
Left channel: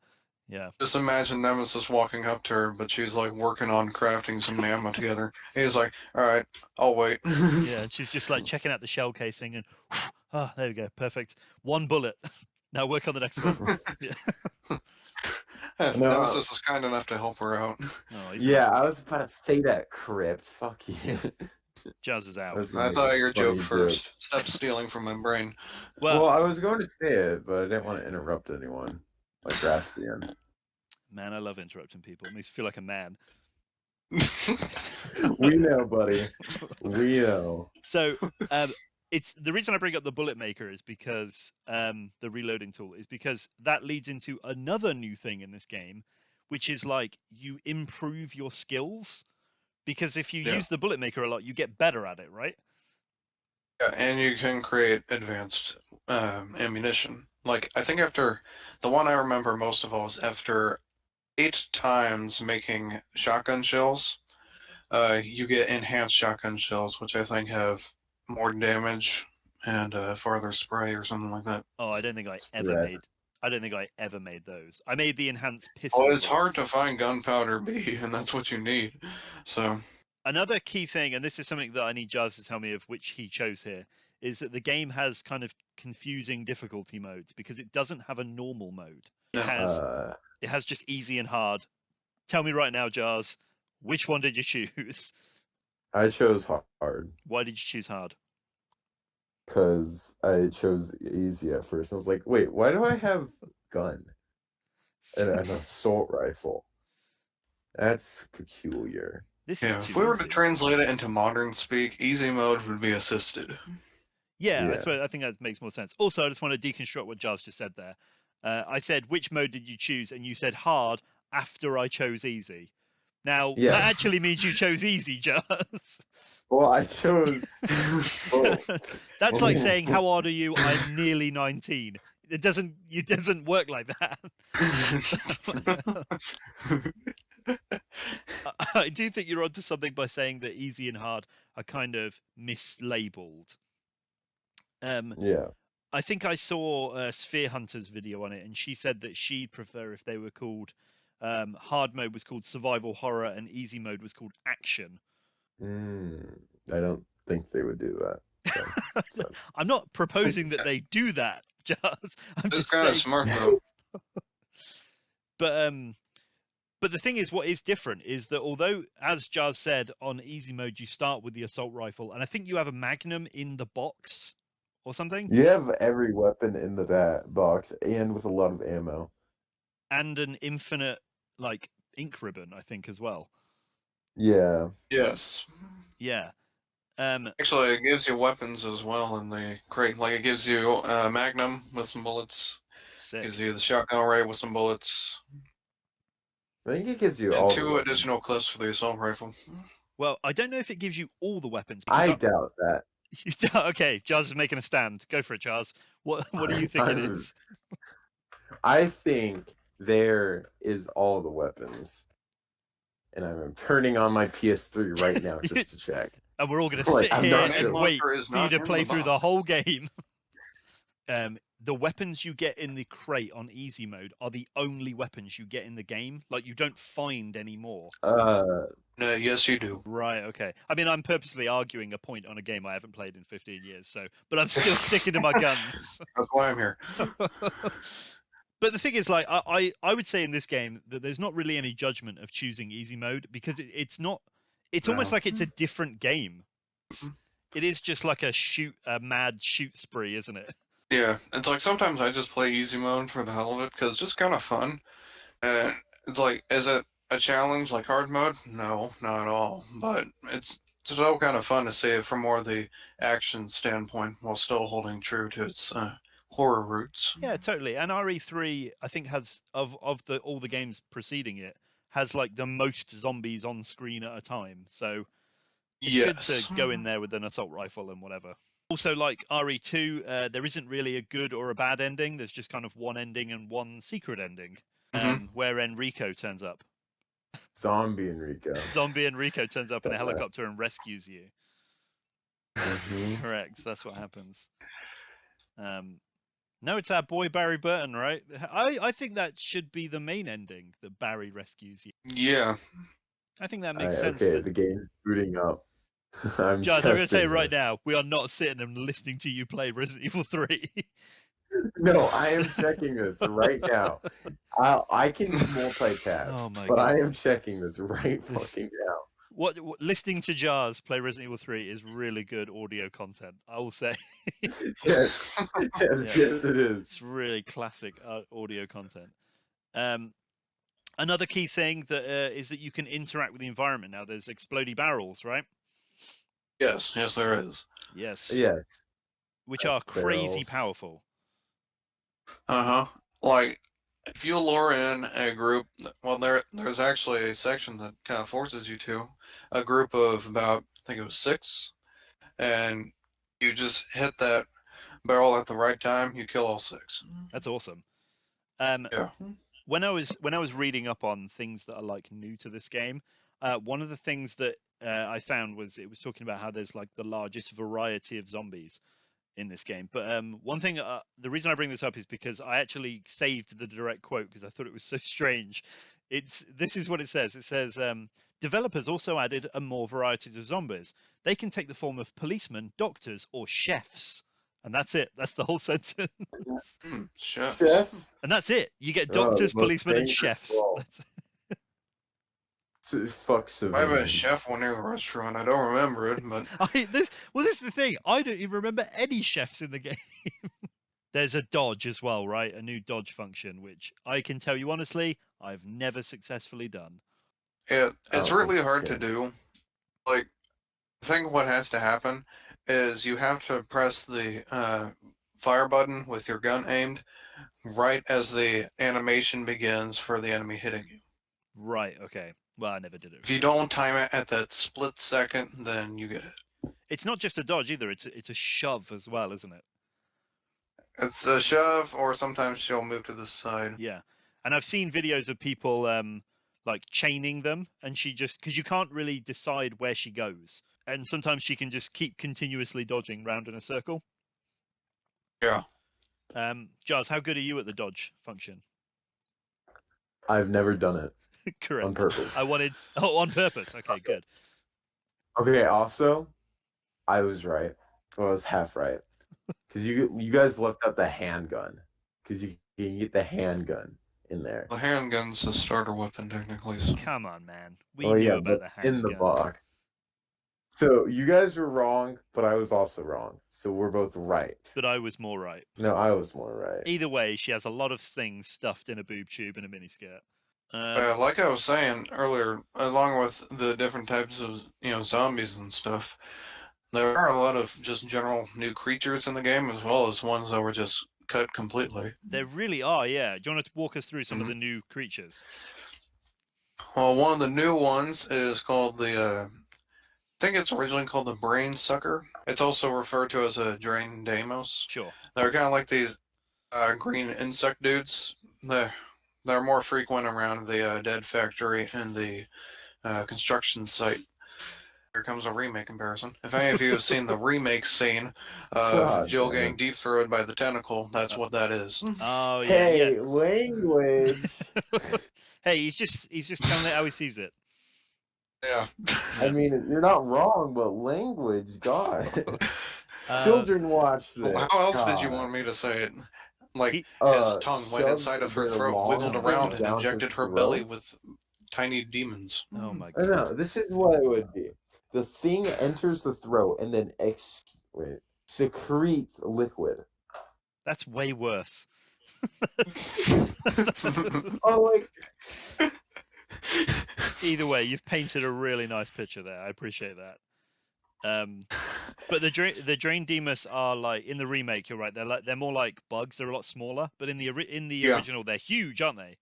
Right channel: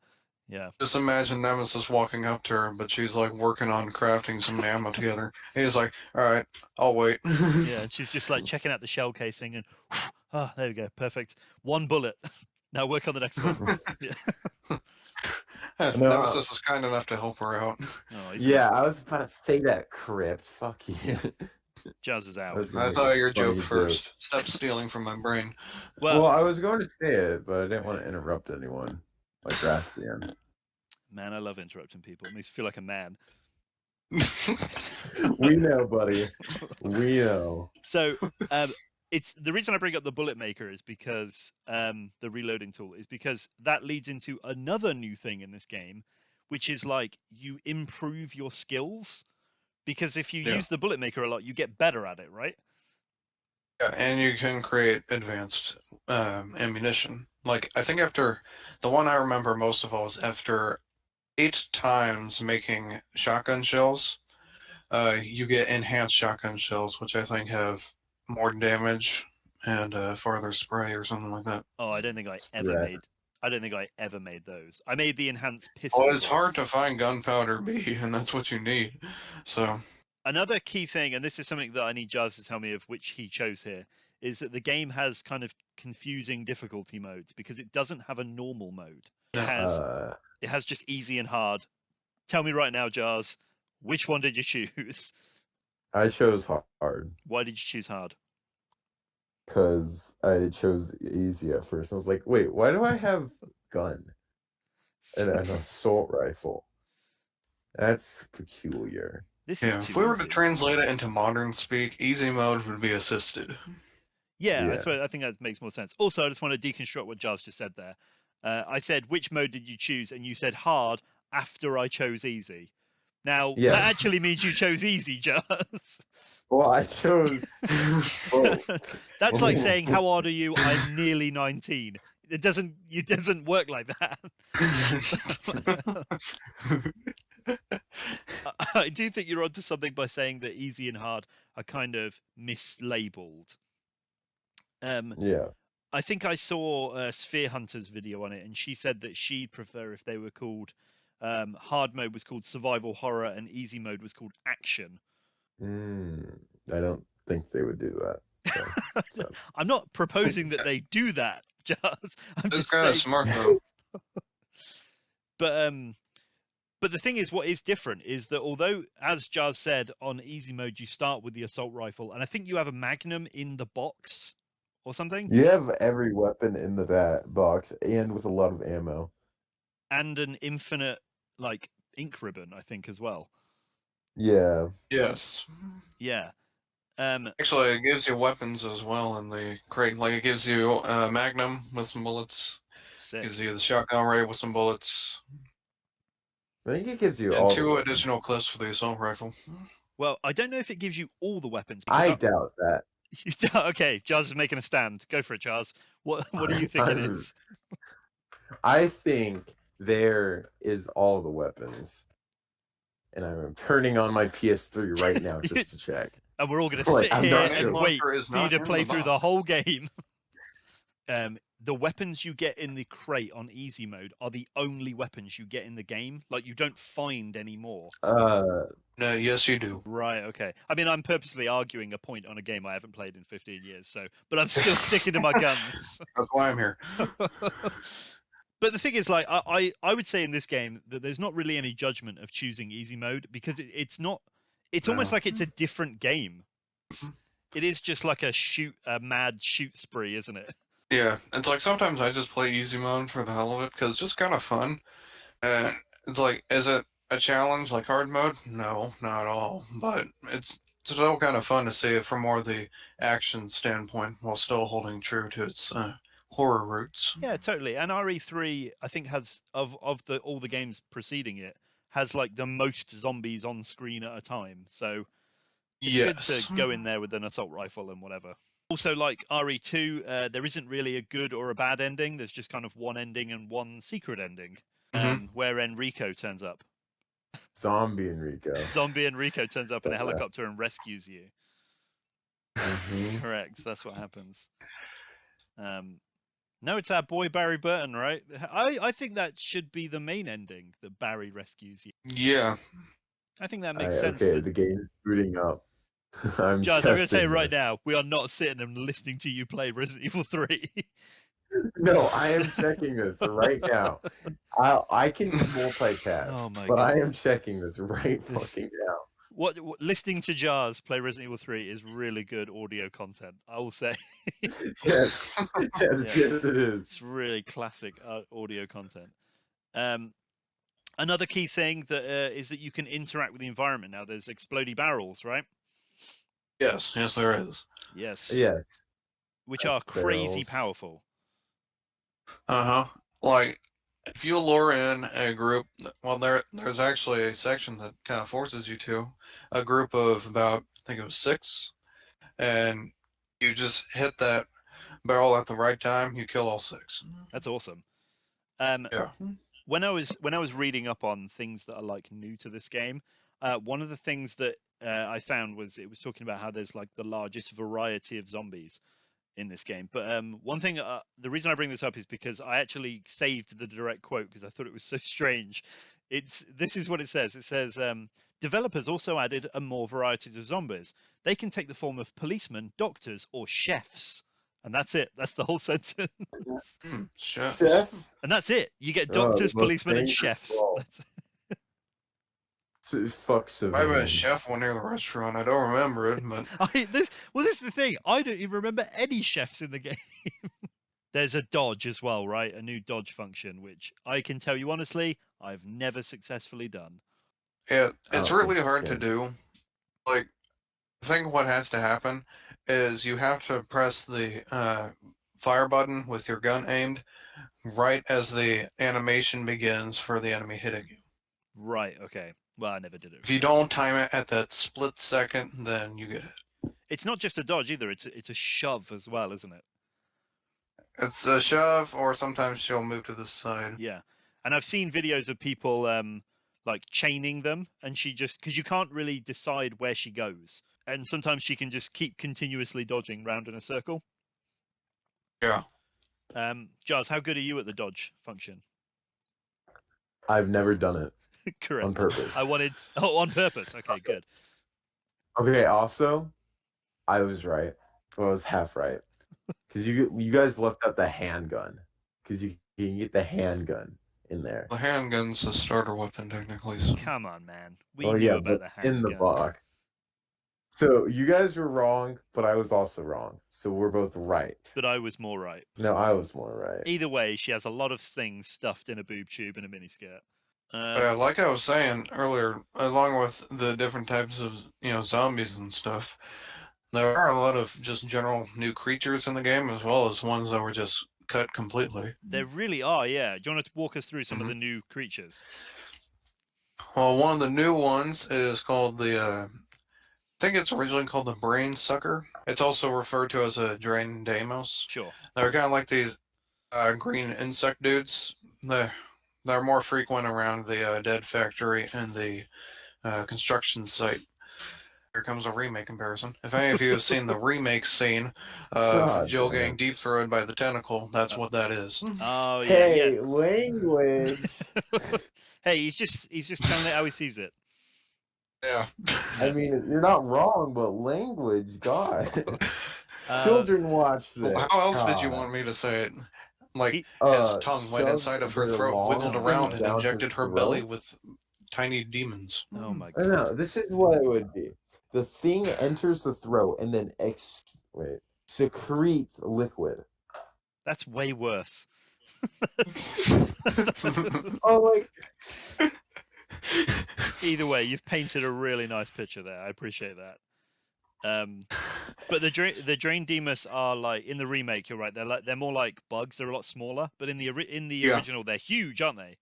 Yeah. Just imagine Nemesis walking up to her, but she's like working on crafting some ammo together. He's like, "All right, I'll wait." Yeah, and she's just like checking out the shell casing and ah, there we go, perfect. One bullet. Now work on the next one. Yeah. Nemesis is kind enough to help her out. Oh, he's Yeah, amazing. I was about to say that, Krypt. Fuck you. Jazz is out. I thought your joke first. Stop stealing from my brain. Well, Well, I was going to say it, but I didn't want to interrupt anyone. Like Rasp. man, I love interrupting people. It makes me feel like a man. We know, buddy. We know. So, it's the reason I bring up the bullet maker is because the reloading tool is because that leads into another new thing in this game, which is like you improve your skills because if you use the bullet maker a lot, you get better at it, right? Yeah, and you can create advanced ammunition. Like, I think after the one I remember most of all is after 8 times making shotgun shells, you get enhanced shotgun shells, which I think have more damage and farther spray or something like that. Oh, I don't think I ever Right. made. I don't think I ever made those. I made the enhanced pistol. Well, it's hard bullets. to find gunpowder B, and that's what you need. So, Another key thing, and this is something that I need Jazz to tell me of which he chose here, is that the game has kind of confusing difficulty modes because it doesn't have a normal mode. It has just easy and hard. Tell me right now, Jazz, which one did you choose? I chose hard Why did you choose hard? because I chose easy at first. I was like, wait, why do I have gun and an assault rifle? That's peculiar. This yeah, is too if we were easy. to translate it into modern speak, easy mode would be assisted. Yeah, Yeah. I think that makes more sense. Also, I just want to deconstruct what Jazz just said there. I said, which mode did you choose? And you said hard after I chose easy. Now, Yes. that actually means you chose easy, Jazz. Well, I chose. Whoa. That's like Whoa. saying, how old are you? I'm nearly 19. It doesn't work like that. I do think you're onto something by saying that easy and hard are kind of mislabeled. Yeah. I think I saw a Sphere Hunter's video on it, and she said that she'd prefer if they were called hard mode was called survival horror and easy mode was called action. I don't think they would do that. So. I'm not proposing that they do that, Jazz. I'm It's just kind of saying. smart though. But the thing is, what is different is that although, as Jazz said, on easy mode you start with the assault rifle, and I think you have a magnum in the box or something. You have every weapon in the box and with a lot of ammo. And an infinite like ink ribbon, I think, as well. Yeah. Yes. Yeah. Actually, it gives you weapons as well in the crate. Like it gives you a magnum with some bullets. Sick. Gives you the shotgun ray with some bullets. I think it gives you And all 2 the weapons. additional clips for the assault rifle. Well, I don't know if it gives you all the weapons. I doubt that. Okay, Jazz is making a stand. Go for it, Jazz. What do you think it is? I think there is all the weapons. And I'm turning on my PS3 right now just to check. And we're all going to Like, sit I'm here not and sure. wait Is for you not to in play the through the box. whole game. The weapons you get in the crate on easy mode are the only weapons you get in the game. Like, you don't find any more. No, yes, you do. Right, okay. I mean, I'm purposely arguing a point on a game I haven't played in 15 years, so, but I'm still sticking to my guns. That's why I'm here. But the thing is, like, I would say in this game that there's not really any judgment of choosing easy mode because it's not. It's almost No. like it's a different game. It is just like a mad shoot spree, isn't it? Yeah, it's like sometimes I just play easy mode for the hell of it because it's just kind of fun. And it's like, is it a challenge like hard mode? No, not at all. But it's still kind of fun to see it from more the action standpoint while still holding true to its horror roots. Yeah, totally. And RE3, I think, has of all the games preceding it, has like the most zombies on screen at a time. So it's good to go in there with an assault rifle and whatever. Also, like RE2, there isn't really a good or a bad ending. There's just kind of one ending and one secret ending, where Enrico turns up. Zombie Enrico. Zombie Enrico turns up in a helicopter and rescues you. Correct. That's what happens. No, it's our boy Barry Burton, right? I think that should be the main ending, that Barry rescues you. Yeah. I think that makes sense. Okay, the game's booting up. I'm Jazz, I'm going to tell you right this. now, we are not sitting and listening to you play Resident Evil 3. No, I am checking this right now. I can multitask, Oh my but God. I am checking this right fucking now. What listening to Jazz play Resident Evil 3 is really good audio content, I will say. Yes, yes, it is. It's really classic audio content. Another key thing that is that you can interact with the environment now. There's explodey barrels, right? Yes, there is. Yes. Yes. Which are crazy powerful. Like, if you lure in a group, well, there's actually a section that kind of forces you to, a group of about, I think it was 6, and you just hit that barrel at the right time, you kill all 6. That's awesome. Yeah. When I was reading up on things that are like new to this game, one of the things that I found was it was talking about how there's like the largest variety of zombies in this game. But one thing, the reason I bring this up is because I actually saved the direct quote because I thought it was so strange. This is what it says. It says, developers also added more varieties of zombies. They can take the form of policemen, doctors, or chefs. And that's it. That's the whole sentence. Chefs? And that's it. You get doctors, policemen, and chefs. That's Fuck civilians. I have a chef one near the restaurant. I don't remember it, but this is the thing. I don't even remember any chefs in the game. There's a dodge as well, right? A new dodge function, which I can tell you honestly, I've never successfully done. It's really hard to do. Like, I think what has to happen is you have to press the fire button with your gun aimed right as the animation begins for the enemy hitting you. Right. Okay. Well, I never did it. If you don't time it at that split second, then you get it. It's not just a dodge either. It's a shove as well, isn't it? It's a shove, or sometimes she'll move to the side. Yeah. And I've seen videos of people like chaining them, and she just because you can't really decide where she goes, and sometimes she can just keep continuously dodging round in a circle. Yeah. Jars, how good are you at the dodge function? I've never done it Correct. on purpose. on purpose. Okay, good. Okay, also, I was right. Well, I was half right. Because you guys left out the handgun. Because you can get the handgun in there. The handgun's the starter weapon, technically. So. Come on, man. We knew about the handgun. In the box. So you guys were wrong, but I was also wrong. So we're both right. But I was more right. No, I was more right. Either way, she has a lot of things stuffed in a boob tube and a miniskirt. Like I was saying earlier, along with the different types of zombies and stuff, there are a lot of just general new creatures in the game, as well as ones that were just cut completely. There really are, yeah. Do you want to walk us through some of the new creatures? Well, one of the new ones is called the, I think it's originally called the Brain Sucker. It's also referred to as a Drain Deimos. Sure. They're kind of like these green insect dudes. They're more frequent around the dead factory and the construction site. Here comes a remake comparison. If any of you have seen the remake scene of Jill getting deep throated by the tentacle, that's what that is. Oh yeah, hey, yeah. Language. Hey, he's just telling it how he sees it. Yeah. I mean, you're not wrong, but language, God. Children watch this. Well, how else did you want me to say it? Like his tongue went inside of her throat, wiggled around, and injected her belly with tiny demons. Oh my God. No, this is what it would be. The thing enters the throat and then secretes liquid. That's way worse. Oh, like. Either way, you've painted a really nice picture there. I appreciate that. But the Drain Deimos are like in the remake. You're right. They're more like bugs. They're a lot smaller. But in the original, they're huge, aren't they?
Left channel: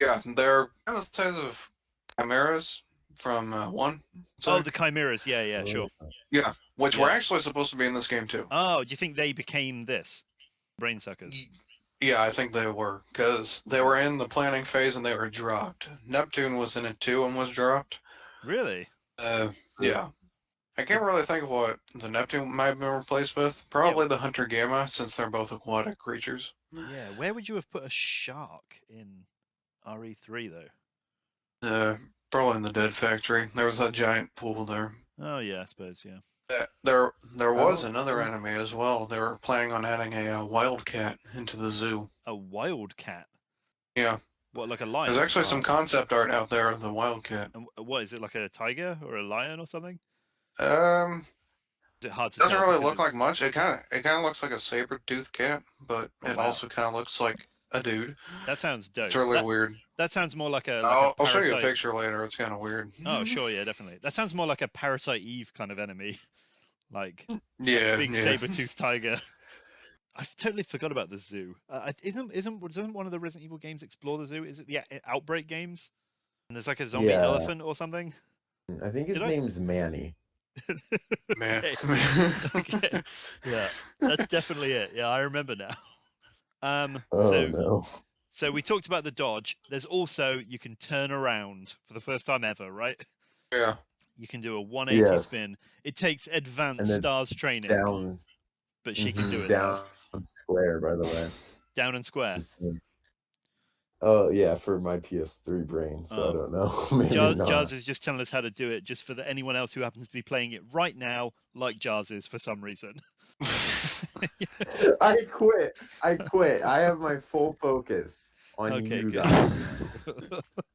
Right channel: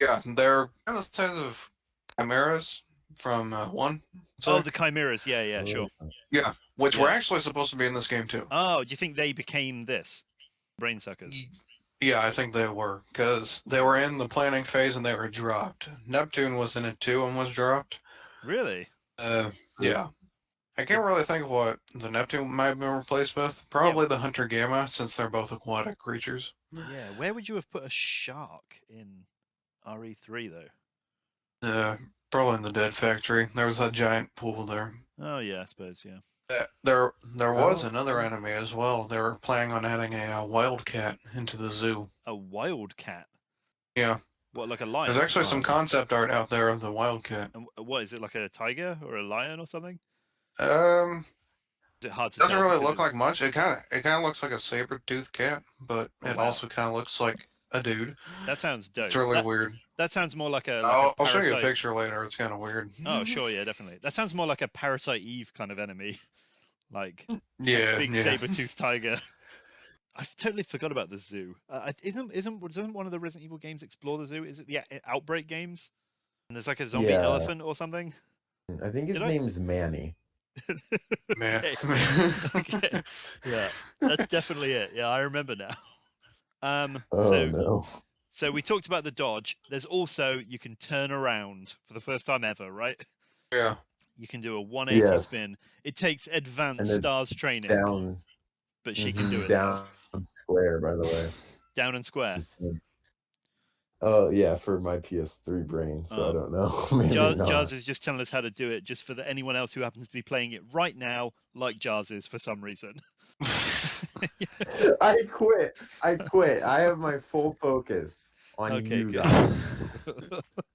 Yeah, they're kind of the size of chimeras from 1. Oh, the chimeras. Yeah, sure. Yeah, which were actually supposed to be in this game too. Oh, do you think they became this brain suckers? Yeah, I think they were, because they were in the planning phase and they were dropped. Neptune was in it too and was dropped. Really? Yeah. I can't really think of what the Neptune might have been replaced with. Probably the Hunter Gamma, since they're both aquatic creatures. Yeah, where would you have put a shark in RE3 though? Probably in the Dead Factory. There was that giant pool there. Oh yeah, I suppose, yeah. There was another anime as well. They were planning on adding a wildcat into the zoo. A wildcat? Yeah. What, like a lion? There's actually some concept art out there of the wildcat. And what is it, like a tiger or a lion or something? Is it hard to tell? Doesn't really look like much. It kind of looks like a saber-toothed cat, but it also kind of looks like a dude. That sounds dope. It's really weird. That sounds more like a I'll parasite. show you a picture later. It's kind of weird. Oh, sure, yeah, definitely. That sounds more like a Parasite Eve kind of enemy. Like a big saber-toothed tiger. I totally forgot about the zoo. Doesn't one of the Resident Evil games explore the zoo? Is it the Outbreak games? And there's like a zombie elephant or something? I think his name's Manny. Man. Okay. Yeah, that's definitely it. Yeah, I remember now. So we talked about the dodge. There's also, you can turn around for the first time ever, right? Yeah. You can do a 180 spin. It takes advanced stars training. But she can do it down square, by the way. Down and square. Oh yeah, for my PS3 brain, so I don't know. Jars is just telling us how to do it, just for anyone else who happens to be playing it right now, like Jars is for some reason. I quit. I have my full focus on you guys.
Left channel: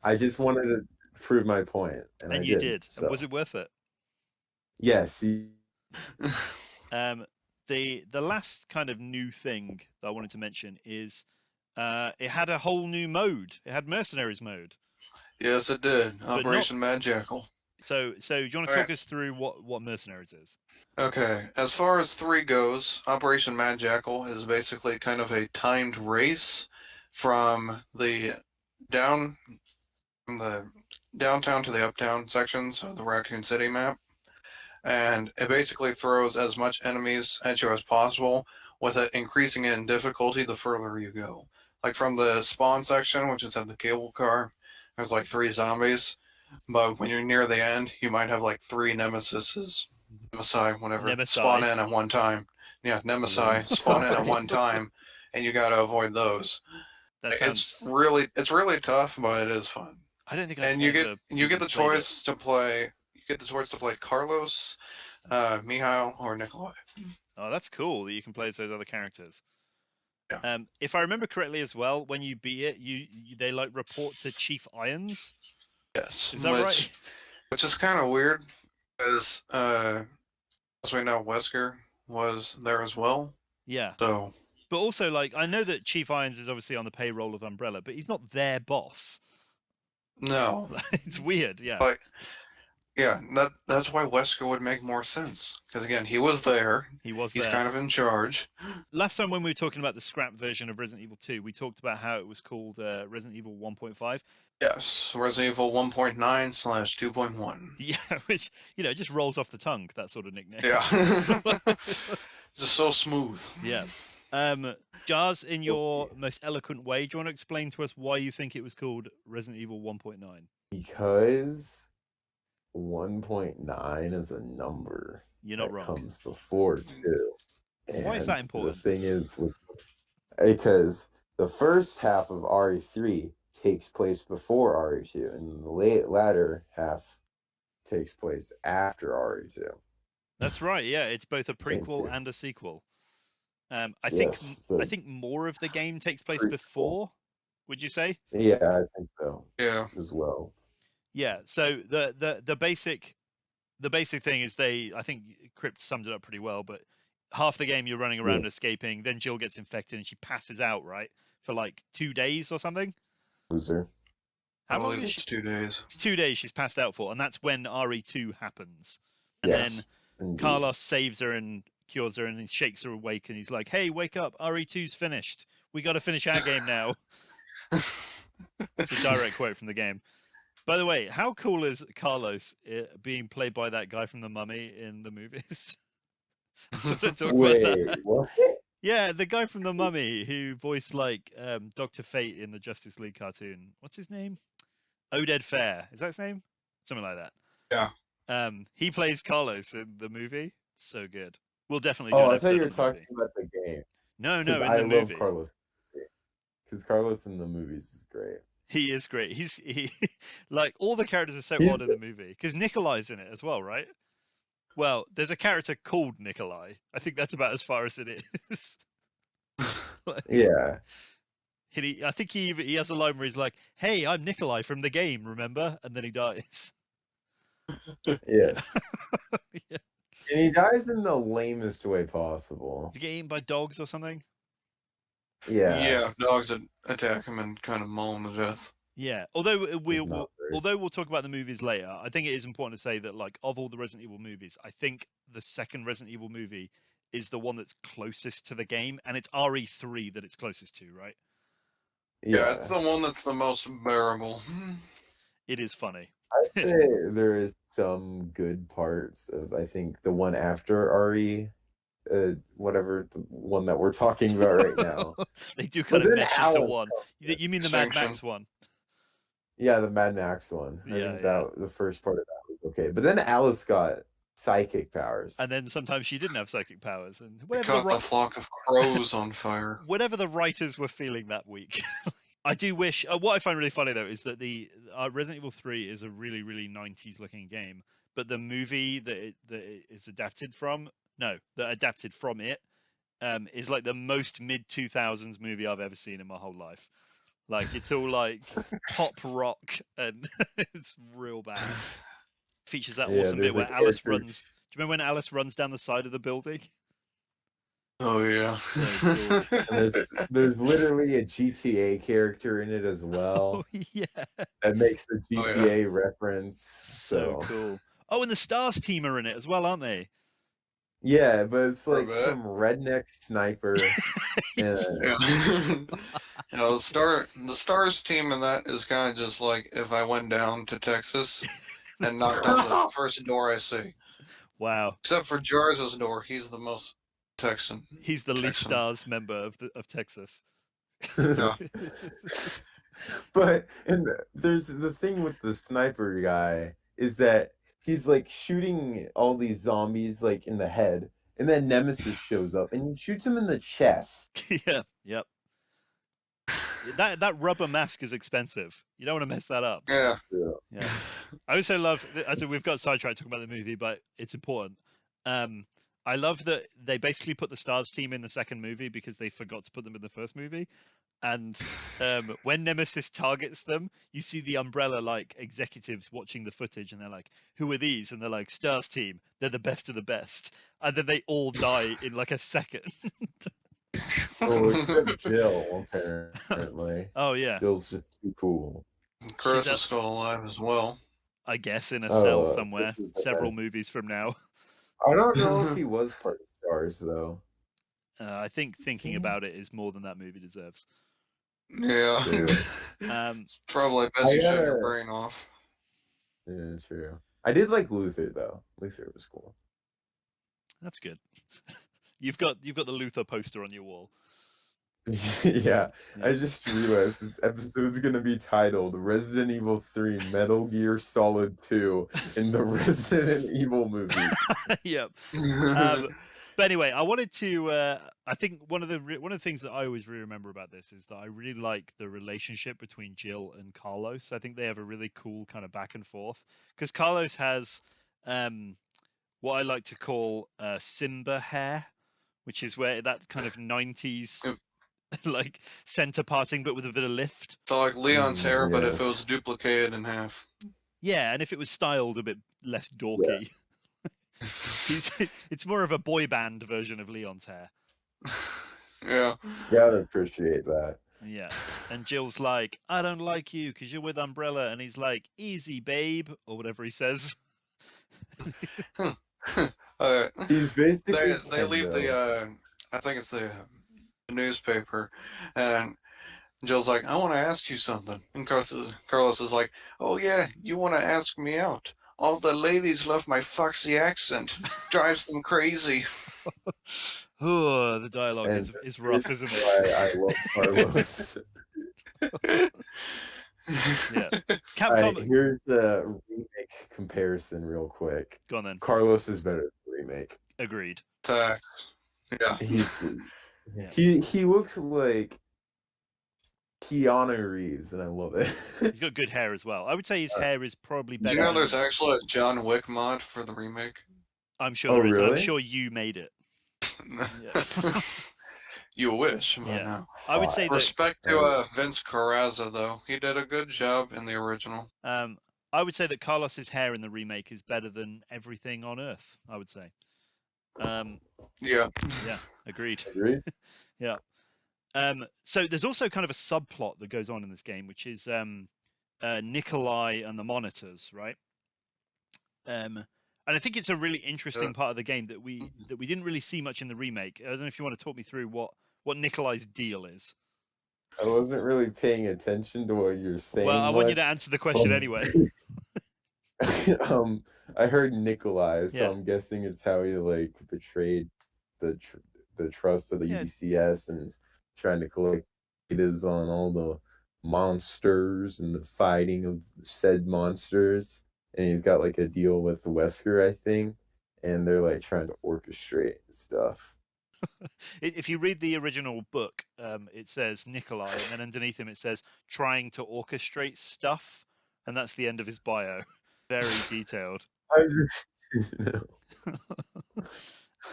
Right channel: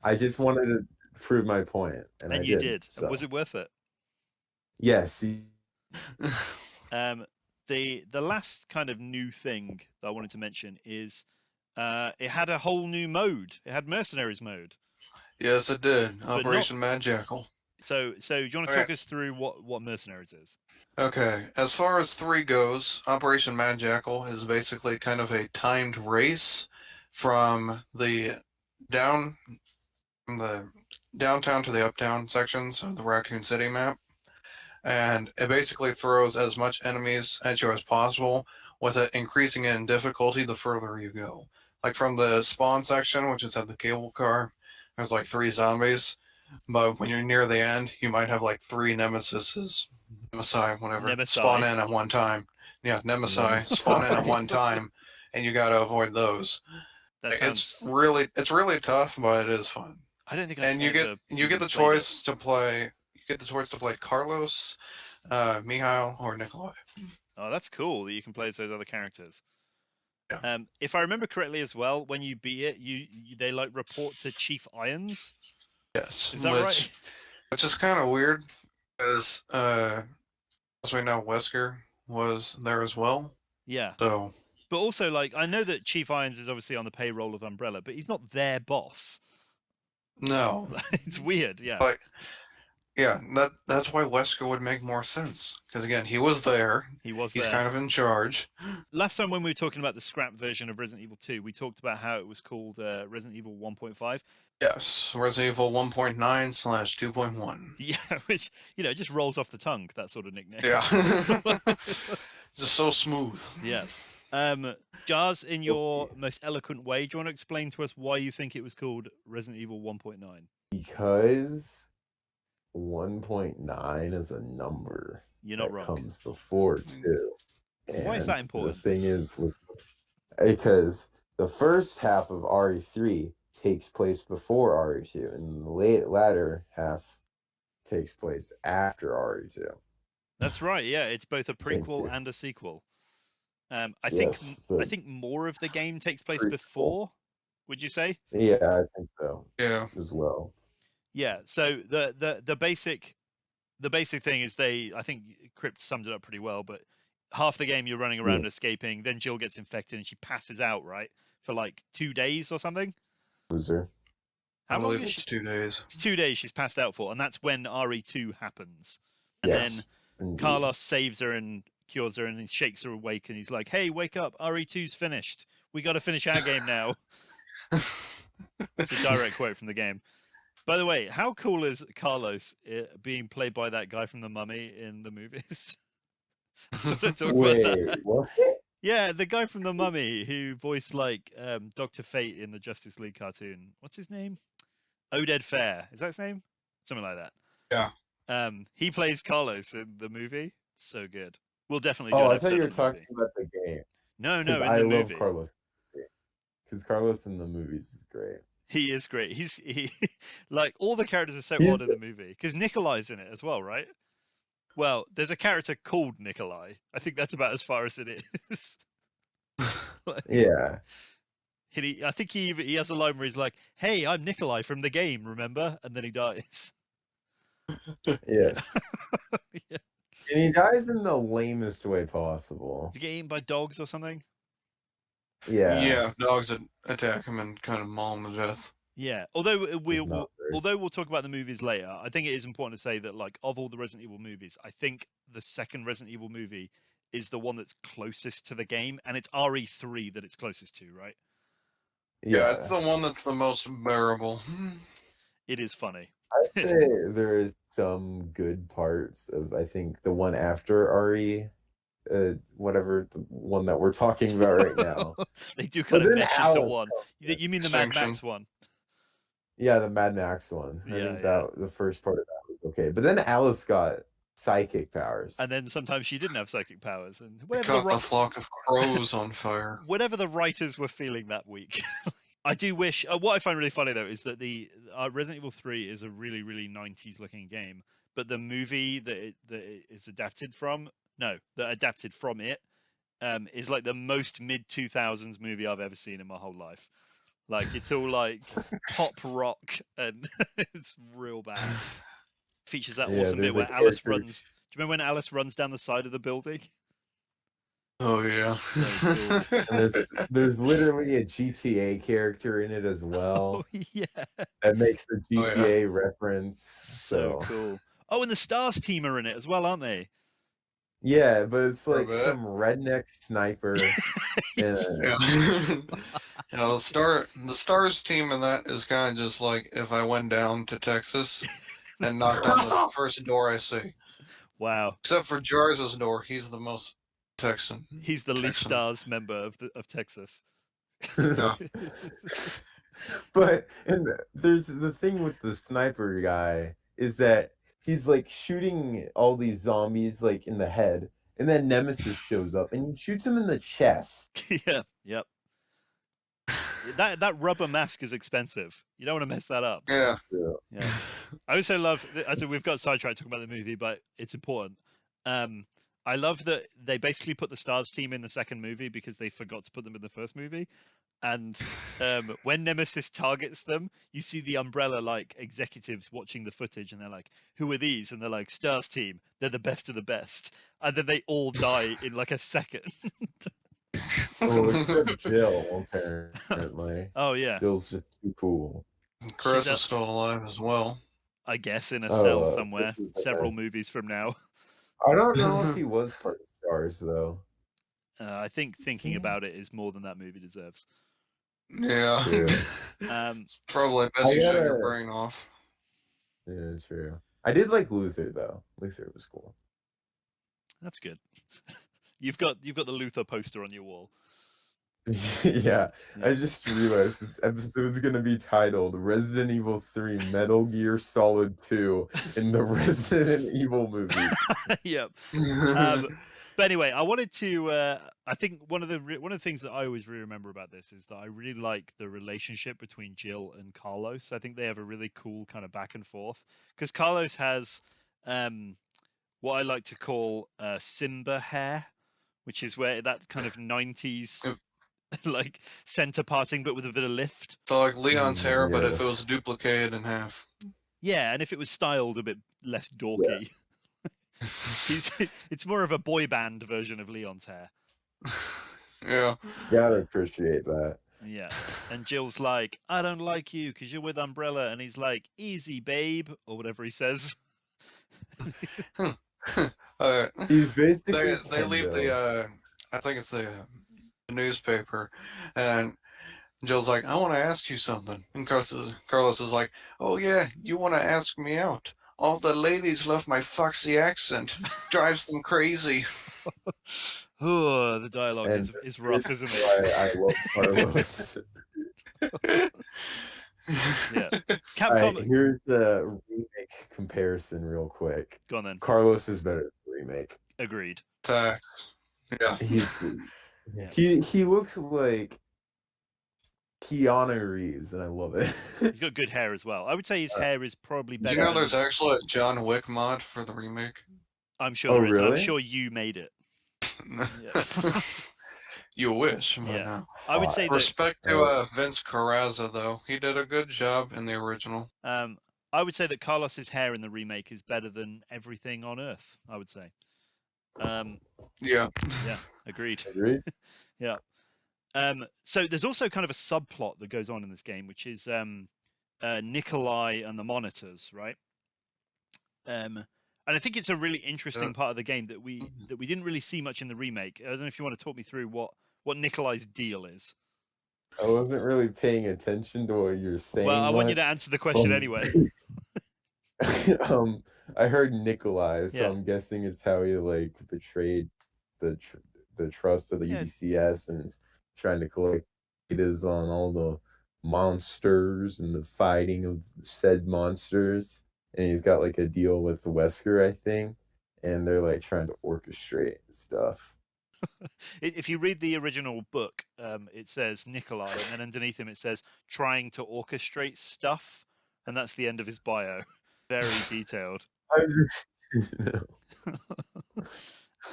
I just wanted to prove my point, and you did. So. Was it worth it? Yes. The last kind of new thing that I wanted to mention is it had a whole new mode. It had Mercenaries mode. Yes, it did. Operation Mad Jackal. So do you want to Okay. talk us through what Mercenaries is? Okay, as far as 3 goes, Operation Mad Jackal is basically kind of a timed race from the down from the downtown to the uptown sections of the Raccoon City map, and it basically throws as much enemies at you as possible, with it increasing in difficulty the further you go. Like from the spawn section, which is at the cable car, there's like 3 zombies, but when you're near the end, you might have like 3 nemesises, whatever, spawn Nemesi. in at one time. Yeah, Nemesi. spawn in at one time, and you gotta avoid those. That It's sounds. really tough, but it is fun. I don't think I've And ever you get even the played it. choice to play. You get the choice to play Carlos, Mihail, or Nikolai. Oh, that's cool that you can play as those other characters. Yeah. If I remember correctly as well, when you beat it, they like report to Chief Irons. Yes. Is that right? Which is kind of weird, because as we know, Wesker was there as well. Yeah. So. But also, like, I know that Chief Irons is obviously on the payroll of Umbrella, but he's not their boss. No. It's weird, yeah. But yeah, that's why Wesker would make more sense. Because again, he was there. He's He's there. kind of in charge. Last time when we were talking about the scrap version of Resident Evil 2, we talked about how it was called Resident Evil 1.5. Yes, Resident Evil 1.9/2.1. Yeah, which, just rolls off the tongue, that sort of nickname. Yeah. Just so smooth. Yeah. Jars, in your most eloquent way, do you want to explain to us why you think it was called Resident Evil 1.9? Because 1.9 is a number You're not that wrong. comes before 2. Why is that important? The thing is, because the first half of RE3 takes place before RE2, and the latter half takes place after RE2. That's right. Yeah, it's both a prequel and a sequel. I think more of the game takes place before. Would you say? Yeah, I think so. Yeah. As well. Yeah. So the basic thing is I think Krypt summed it up pretty well. But half the game you're running around escaping, then Jill gets infected and she passes out, right, for like 2 days or something. Loser. How long is she? It's 2 days. It's 2 days she's passed out for, and that's when RE2 happens. And then indeed. Carlos saves her and cures her, and he shakes her awake, and he's like, "Hey, wake up! RE2's finished. We got to finish our game now." It's a direct quote from the game. By the way, how cool is Carlos being played by that guy from The Mummy in the movies? I sort of talk about that. What? Yeah, the guy from The Mummy who voiced like Dr. Fate in the Justice League cartoon. What's his name? Oded Fair. Is that his name? Something like that. Yeah. He plays Carlos in the movie. So good. We'll definitely do an I episode thought you were on the talking movie. about the game. No, in I the love movie. Carlos. Because Carlos in the movies is great. He is great. He like all the characters are so odd in the movie. Because Nikolai's in it as well, right? Well, there's a character called Nikolai. I think that's about as far as it is. Yeah. I think he has a line where he's like, "Hey, I'm Nikolai from the game, remember?" And then he dies. Yes. Yeah. And he dies in the lamest way possible. Did he get eaten by dogs or something? Yeah. Yeah, dogs attack him and kind of maul him to death. Yeah. Although we'll talk about the movies later, I think it is important to say that like of all the Resident Evil movies, I think the second Resident Evil movie is the one that's closest to the game, and it's RE3 that it's closest to, right? Yeah, it's the one that's the most bearable. It is funny. I'd say there is some good parts of, I think, the one after RE, whatever, the one that we're talking about right now. They do kind of mesh into one. Yeah. You mean the Mad Max one? Yeah, the Mad Max one. I think the first part of that was okay. But then Alice got psychic powers. And then sometimes she didn't have psychic powers, and The flock of crows on fire. Whatever the writers were feeling that week. I do wish. What I find really funny though is that the Resident Evil 3 is a really, really 90s looking game, but the movie that it is adapted from, it, is like the most mid 2000s movie I've ever seen in my whole life. Like it's all like pop rock, and it's real bad. Features that awesome bit where Alice runs. Do you remember when Alice runs down the side of the building? Oh yeah. So cool. And there's literally a GTA character in it as Oh well yeah, that makes the Oh, yeah. GTA reference. so So cool. Oh, and the Stars team are in it as well, aren't they? yeah, but it's For a like bit. some redneck sniper. And Yeah. You know, the Stars team in that is kind of just like if I went down to Texas and knocked on the first door I see. Wow, Except for Jars's door, he's the most Texan. he's the least Texan. Stars member of Texas. Yeah. But and there's the thing with the sniper guy is that he's like shooting all these zombies like in the head, and then Nemesis shows up and he shoots him in the chest. Yeah, yep. That rubber mask is expensive. You don't want to mess that up. Yeah. Yeah. I also love. So we've got sidetracked talking about the movie, but it's important. I love that they basically put the Stars team in the second movie because they forgot to put them in the first movie. And when Nemesis targets them, you see the Umbrella like executives watching the footage, and they're like, "Who are these?" And they're like, "Stars team. They're the best of the best." And then they all die in like a second. Oh, except Jill, apparently. Oh yeah, Jill's just too cool. Chris is still alive as well. I guess in a cell somewhere, This is several movies from now. I don't know if he was part of Stars though. I think thinking about it is more than that movie deserves. Yeah. True. It's probably best you shut your gotta- brain off. Yeah, true. I did like Luther though. Luther was cool. That's good. You've got the Luther poster on your wall. Yeah, Yeah. I just realized this episode's gonna be titled Resident Evil 3 Metal Gear Solid 2 in the Resident Evil movies. Yep. But anyway, I wanted to. I think one of the things that I always really remember about this is that I really like the relationship between Jill and Carlos. I think they have a really cool kind of back and forth because Carlos has what I like to call Simba hair, which is where that kind of 90s like center parting, but with a bit of lift. So like Leon's hair, but if it Yes. was duplicated in half. Yeah, and if it was styled a bit less dorky. It's more of a boy band version of Leon's hair. Yeah. Gotta appreciate that. Yeah. And Jill's like, "I don't like you because you're with Umbrella," and he's like, "Easy, babe," or whatever he says. He's basically they leave Kendo. the I think it's the newspaper, and Jill's like, "I want to ask you something," and Carlos is like, "Oh yeah, you want to ask me out? All the ladies love my foxy accent. Drives them crazy." Oh, the dialogue And is rough, isn't it? I love Carlos. Yeah. Alright, Capcom. here's the remake comparison real quick. Go on then. Carlos is better than the remake. Agreed. Facts. Yeah. Yeah. He looks like Keanu Reeves, and I love it. He's got good hair as well. I would say his hair is probably Do better. you know than- there's actually a John Wick mod for the remake? I'm sure Oh, there is. And I'm really? sure you made it. Yeah. You wish. But Yeah. no. I would say that. Respect to Vince Carrazza, though. He did a good job in the original. I would say that Carlos's hair in the remake is better than everything on Earth. I would say. Yeah. Yeah. Agreed. Agreed? Yeah. So there's also kind of a subplot that goes on in this game, which is Nikolai and the monitors, right? And I think it's a really interesting part of the game that we didn't really see much in the remake. I don't know if you want to talk me through what Nikolai's deal is. I wasn't really paying attention to what you're saying. Well, I want you to much. answer the question anyway. I heard Nikolai, so Yeah. I'm guessing it's how he like betrayed the trust of the Yeah. UDCS and trying to collect data on all the monsters and the fighting of said monsters. And he's got like a deal with Wesker, I think, and they're like trying to orchestrate stuff. If you read the original book, it says Nikolai, and then underneath him it says trying to orchestrate stuff, and that's the end of his bio. Very detailed.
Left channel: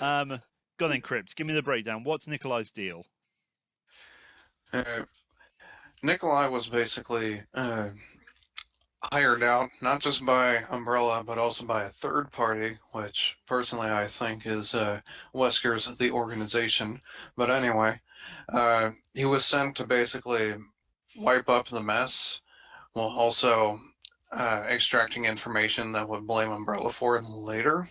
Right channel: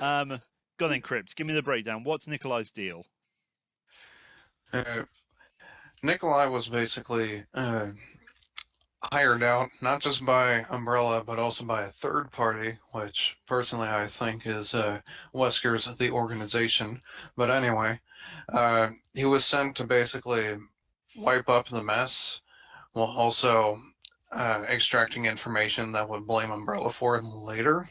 Go on then, Krypt. Give me the breakdown. What's Nikolai's deal? Nikolai was basically hired out not just by Umbrella but also by a third party, which personally I think is Wesker's The Organization. But anyway, he was sent to basically wipe up the mess while also extracting information that would blame Umbrella for it later.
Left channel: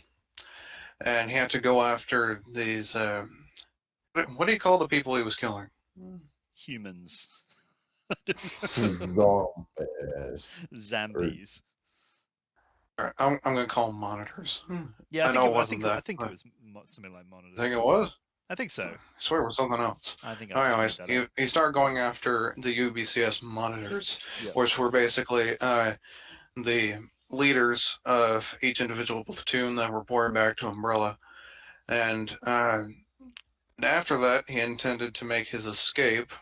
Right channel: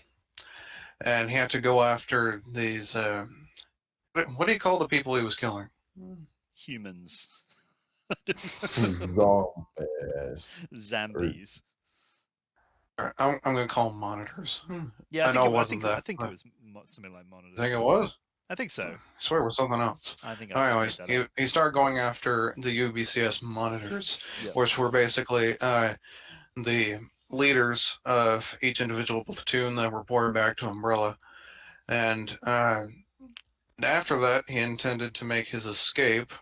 And he had to go after these. What do you call the people he was killing? Humans. Zombies. Zambies. I'm going to call them monitors. Yeah, I know it I wasn't that. I think it but was something like I monitors. think it was. I think so. I swear it was something else. I think I just made Anyways, that up. he started going after the UBCS monitors, Yep. which were basically the leaders of each individual platoon that reported back to Umbrella. And after that, he intended to make his escape,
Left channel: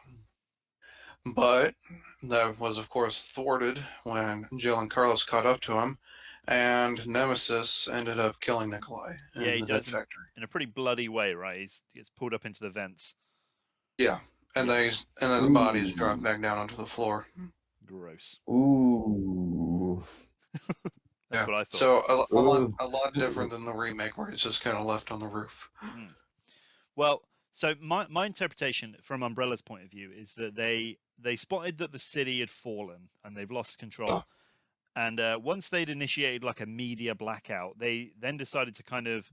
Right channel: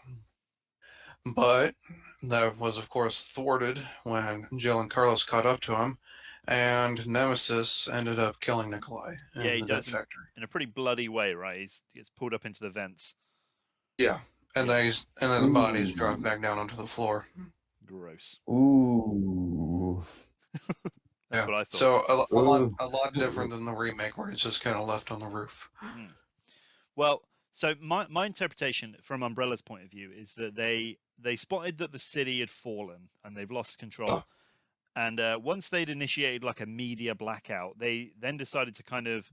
but that was, of course, thwarted when Jill and Carlos caught up to him, and Nemesis ended up killing Nikolai Yeah, he in the vent does factory. in a pretty bloody way, right? He gets pulled up into the vents. Yeah, and Yeah. then his body's Ooh. dropped back down onto the floor. Gross. Ooh. That's what I thought. So Ooh. a lot different than the remake where it's just kind of left on the roof. Mm. Well, so my interpretation from Umbrella's point of view is that they spotted that the city had fallen and they've lost control. And once they'd initiated like a media blackout, they then decided to kind of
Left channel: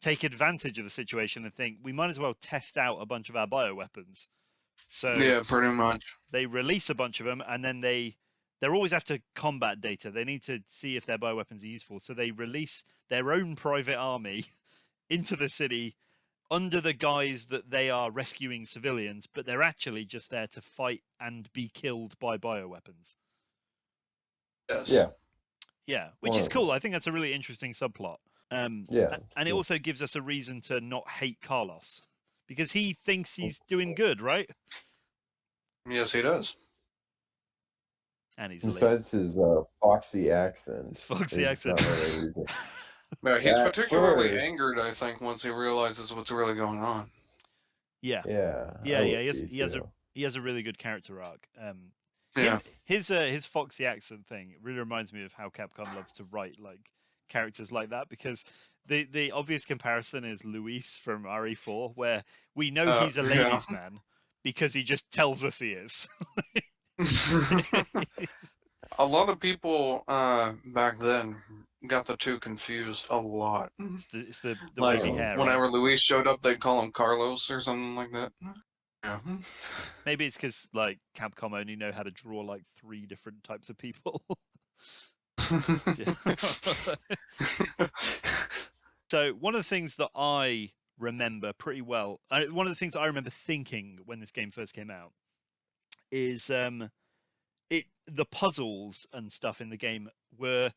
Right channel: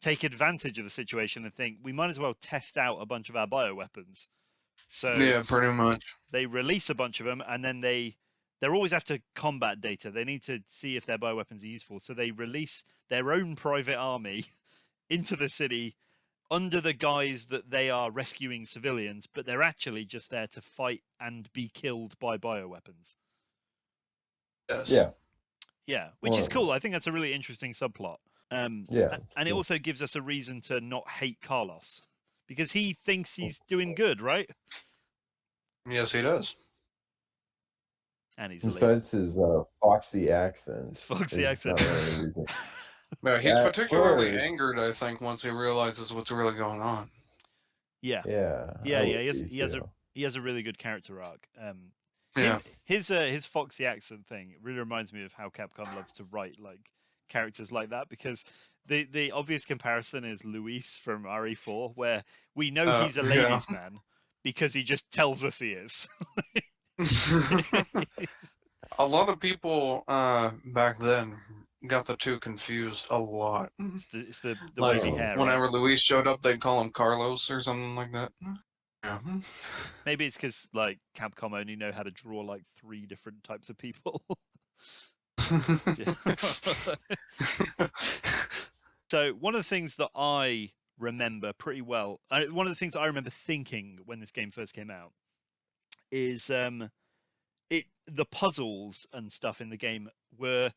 take advantage of the situation and think we might as well test out a bunch of our bioweapons. So Yeah, pretty much. they release a bunch of them, and then they're always after combat data. They need to see if their bioweapons are useful. So they release their own private army into the city under the guise that they are rescuing civilians, but they're actually just there to fight and be killed by bioweapons. Yes. Yeah. Yeah, which is cool. I think that's a really interesting subplot. Yeah. And it also gives us a reason to not hate Carlos because he thinks he's doing good, right? Yes, he does. And he's a leader. Besides his foxy accent. His foxy it's accent. not really anything. Yeah, he's That particularly for- angered, I think, once he realizes what's really going on. Yeah. Yeah. Yeah, I yeah. would be too. He has a really good character arc. Yeah. His foxy accent thing really reminds me of how Capcom loves to write like characters like that because the obvious comparison is Luis from RE4, where we know he's a yeah. ladies' man because he just tells us he is. A lot of people back then got the two confused a lot. It's the Like wavy hair, right? whenever Luis showed up, they'd call him Carlos or something like that. Yeah. Maybe it's because like Capcom only know how to draw like 3 different types of people. So one of the things that I remember pretty well, one of the things I remember thinking when this game first came out is the puzzles and stuff in the game were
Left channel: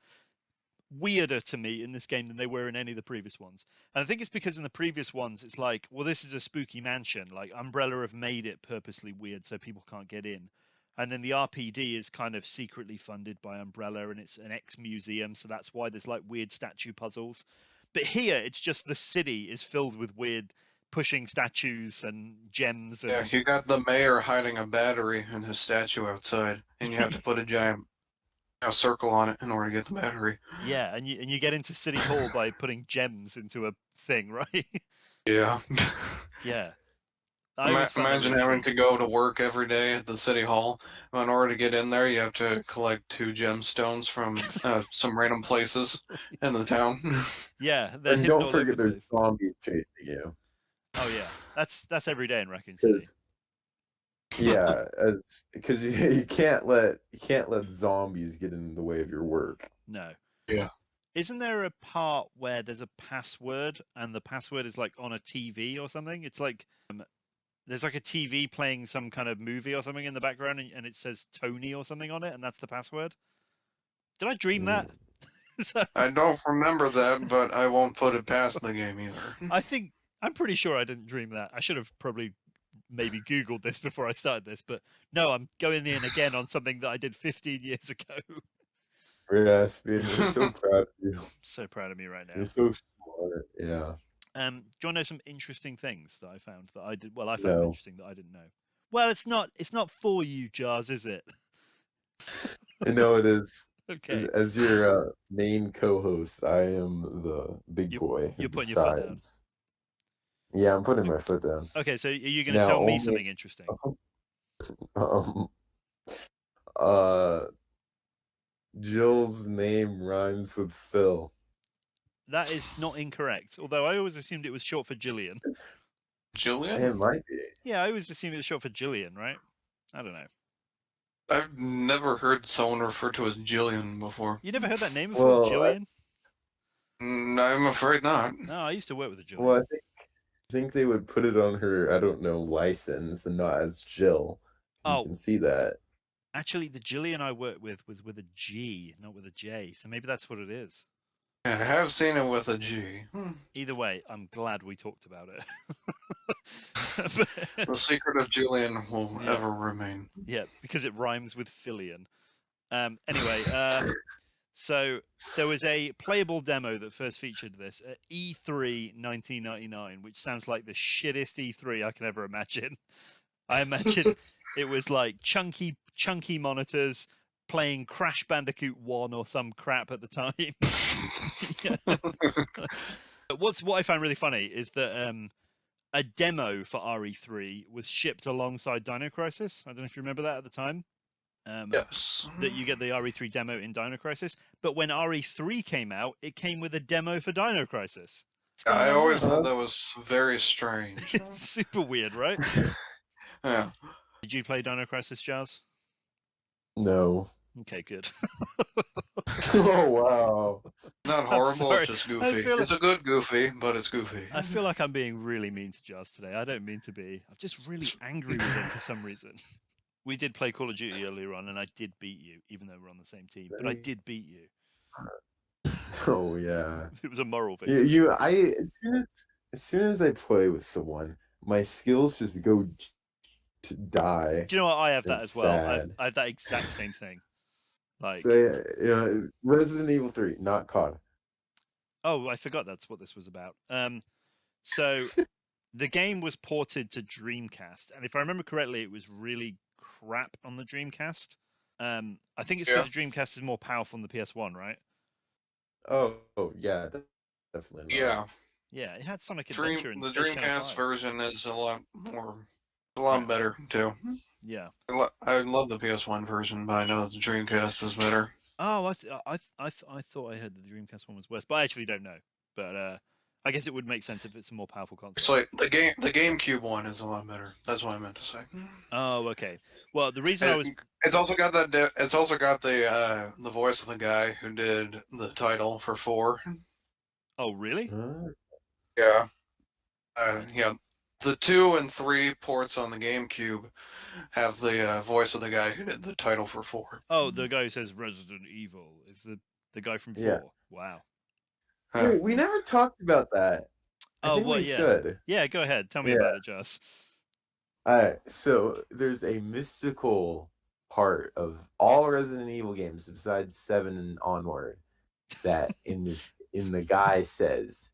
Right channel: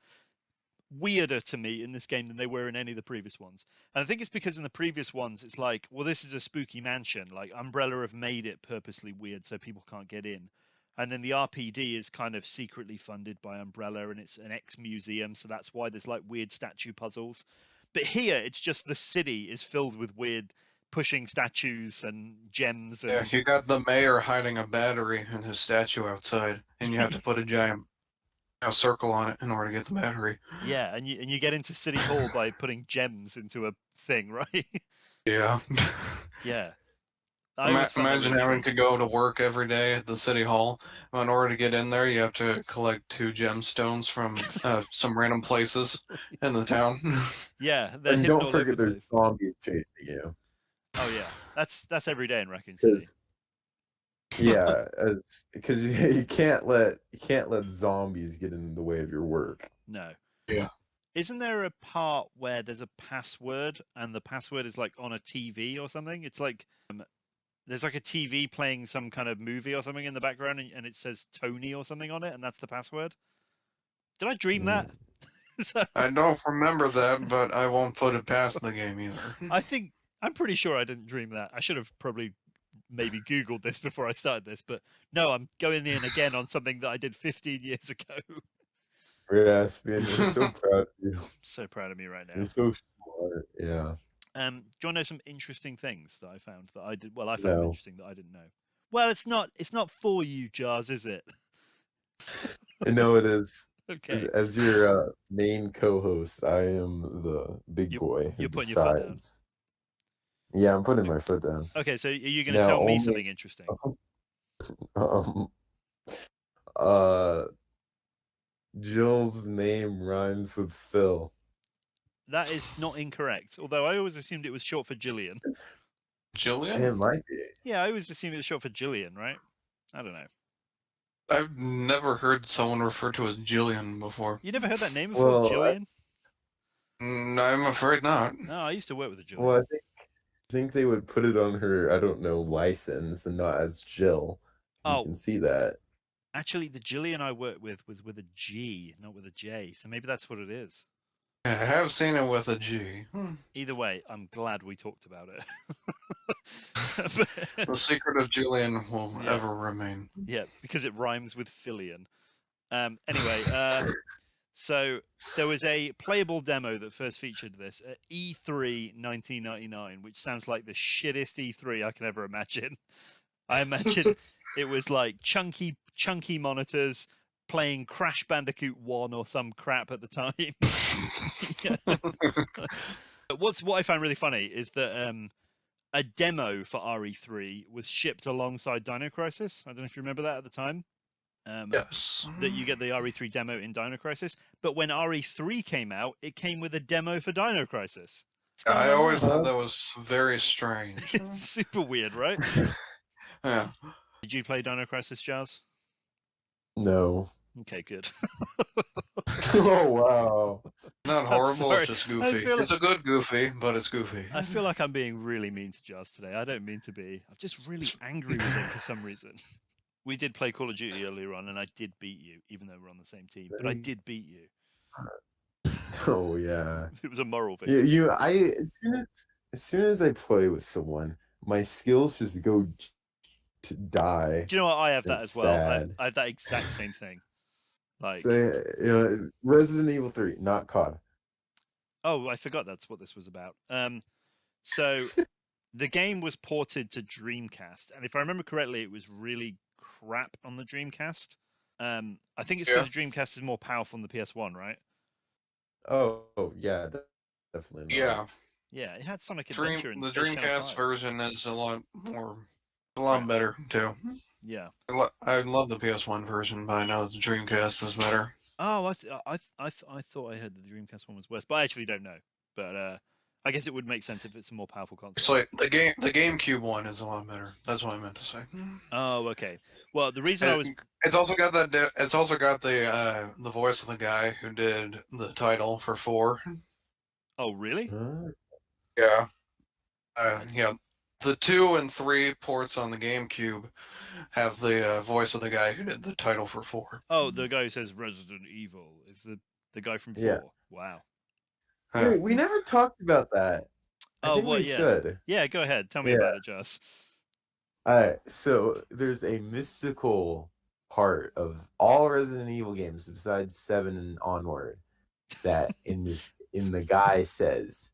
weirder to me in this game than they were in any of the previous ones. And I think it's because in the previous ones it's like, well, this is a spooky mansion. Like Umbrella have made it purposely weird so people can't get in. And then the RPD is kind of secretly funded by Umbrella and it's an ex-museum, so that's why there's like weird statue puzzles. But here it's just the city is filled with weird pushing statues and gems and Yeah, you got the mayor hiding a battery in his statue outside, and you have to put a giant circle on it in order to get the battery. yeah, and you get into City Hall by putting gems into a thing, right? Yeah. Yeah. I always found that Imagine really having strange. to go to work every day at the city hall. In order to get in there, you have to collect 2 gemstones from some random places in the town. Yeah, they're And hidden don't all over forget the there's place. zombies chasing you. Oh yeah, that's every day in Raccoon City. Yeah, because you can't let zombies get in the way of your work. No. Yeah. Isn't there a part where there's a password and the password is like on a TV or something? It's like there's like a TV playing some kind of movie or something in the background and it says Tony or something on it and that's the password. Did I dream that? So, I don't remember that, but I won't put it past the game either. I'm pretty sure I didn't dream that. I should have probably maybe Googled this before I started this, but no, I'm going in again on something that I did 15 years ago. Rasp, we're so proud of you. So proud of me right now. You're so smart. Yeah. Do you want to know some interesting things that I found that I did? Well, I found No. interesting that I didn't know. Well, it's not for you, Jars, is it? No, it is. Okay. As your main co-host, I am the big boy who You're putting your foot down. decides. Yeah, I'm putting my foot down. Okay, so are you going to Now tell me only something interesting? um uh Jill's name rhymes with Phil. That is not incorrect. Although I always assumed it was short for Jillian. It Jillian? might be. Yeah, I always assumed it was short for Jillian, right? I don't know. I've never heard someone referred to as Jillian before. You never heard that name before, Well, Jillian? I'm afraid not. No, I used to work with a Jillian. Well, I think they would put it on her, I don't know, license and not as Jill. You Oh, can see that. actually, the Jillian I worked with was with a G, not with a J. So maybe that's what it is. Yeah, I have seen it with a G. Either way, I'm glad we talked about it. The secret of Jillian will Yeah. ever remain. Yeah, because it rhymes with Fillion. Anyway, so there was a playable demo that first featured this at E3 1999, which sounds like the shittest E3 I can ever imagine. I imagine it was like chunky monitors playing Crash Bandicoot 1 or some crap at the time. Yeah. What I found really funny is that a demo for RE3 was shipped alongside Dino Crisis. I don't know if you remember that at the time. Yes. That you get the RE3 demo in Dino Crisis, but when RE3 came out, it came with a demo for Dino Crisis. I always there? thought that was very strange. It's super weird, right? Yeah. Did you play Dino Crisis, Jazz? No. Okay, good. Oh wow. Not horrible, sorry. it's just I goofy. feel It's a good goofy, but it's goofy. I feel like I'm being really mean to Jazz today. I don't mean to be. I'm just really angry with him for some reason. We did play Call of Duty earlier on, and I did beat you, even though we're on the same team. But I did beat you. Oh yeah. It was a moral victory. As soon as I play with someone, my skills just go to die. Do you know what? I have that It's as well. sad. I have that exact same thing. Like, So, Resident Evil 3, not COD. oh, I forgot that's what this was about. So the game was ported to Dreamcast, and if I remember correctly, it was really crap on the Dreamcast. I think it's because the Dreamcast is more powerful than the PS1, right? Oh yeah, definitely not. Yeah. Yeah, it had Sonic Adventure and The Space Channel Dreamcast 5. version is a lot better too. Yeah. I love the PS1 version, but I know the Dreamcast is better. Oh, I thought I heard that the Dreamcast one was worse, but I actually don't know. But I guess it would make sense if it's a more powerful console. It's like the GameCube one is a lot better. That's what I meant to say. Oh, okay. Well, the reason I was It's also got that. It's also got the voice of the guy who did the title for 4. Oh, really? Huh? Yeah. Yeah. The 2 and 3 ports on the GameCube have the voice of the guy who did the title for 4. Oh, the guy who says Resident Evil is the guy from 4. Yeah. Wow. Wait, we never talked about that. I think we yeah. should. Yeah, go ahead. Tell me about it, Jess. Alright, so there's a mystical part of all Resident Evil games besides 7 and onward that in the guy says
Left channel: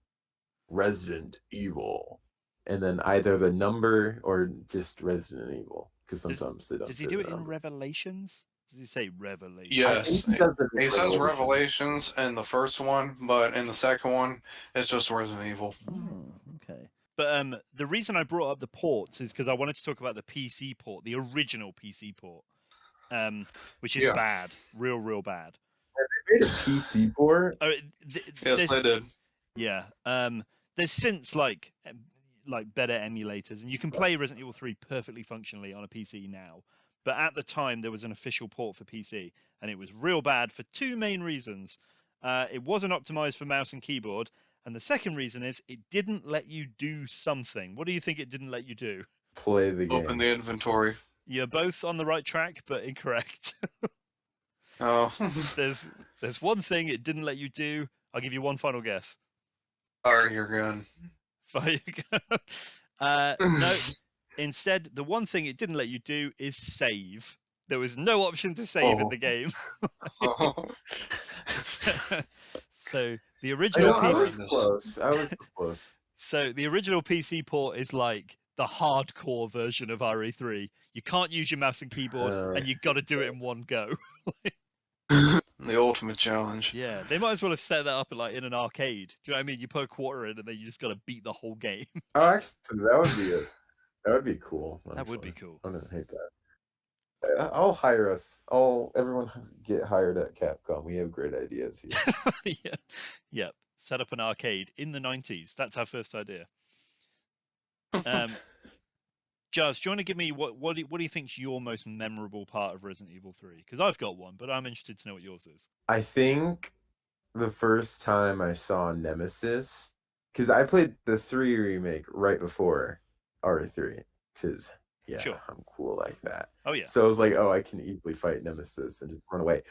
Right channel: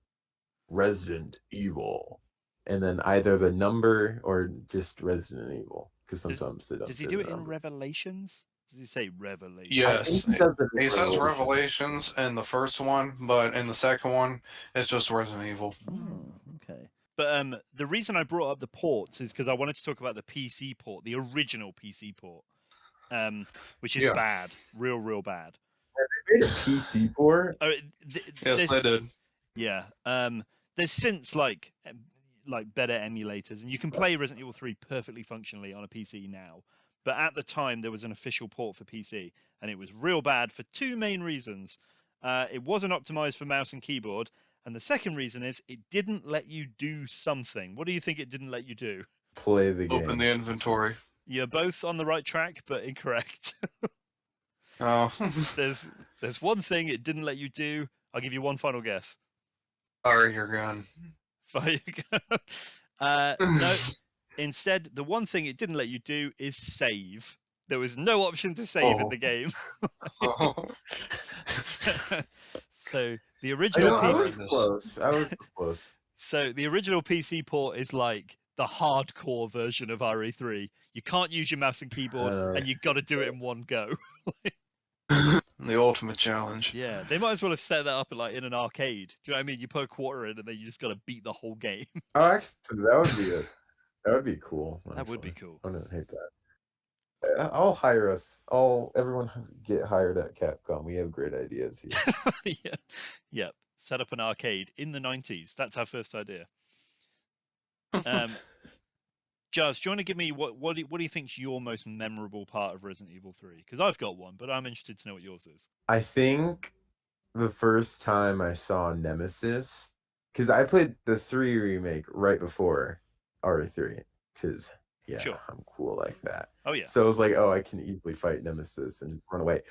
Resident Evil, and then either the number or just Resident Evil, because sometimes they don't. Does he do it in Revelations? Does he say Revelations? Yes. He says Revelation. Revelations in the first one, but in the second one, it's just Resident Evil. Oh, okay. But the reason I brought up the ports is because I wanted to talk about the PC port, the original PC port, which is bad, real bad. They made a PC port. Yes, they did. Yeah. There's since like better emulators, and you can play Resident Evil 3 perfectly functionally on a PC now. But at the time, there was an official port for PC, and it was real bad for 2 main reasons. It wasn't optimized for mouse and keyboard, and the second reason is it didn't let you do something. What do you think it didn't let you do? Play the game. Open the inventory. You're both on the right track, but incorrect. Oh. There's one thing it didn't let you do. I'll give you one final guess. Fire your gun. Fire your gun. No. Instead, the one thing it didn't let you do is save. There was no option to save in the game. So the original PC. I was close. So the original PC port is like the hardcore version of RE3. You can't use your mouse and keyboard, and you got to do it in one go. The ultimate challenge. Yeah, they might as well have set that up like in an arcade. Do you know what I mean? You put a quarter in, and then you just got to beat the whole game. Oh, actually, that would be it. That would be cool. That would be actually. cool. I wouldn't hate that. I'll hire us. Everyone get hired at Capcom. We have great ideas here. Yeah, yeah. Set up an arcade in the 90s. That's our first idea. Jazz, do you want to give me what do you think's your most memorable part of Resident Evil 3? Because I've got one, but I'm interested to know what yours is. I think the first time I saw Nemesis, because I played the 3 remake right before RE3, because Sure. I'm cool like that. Oh yeah. So I was like, oh, I can easily fight Nemesis and run away.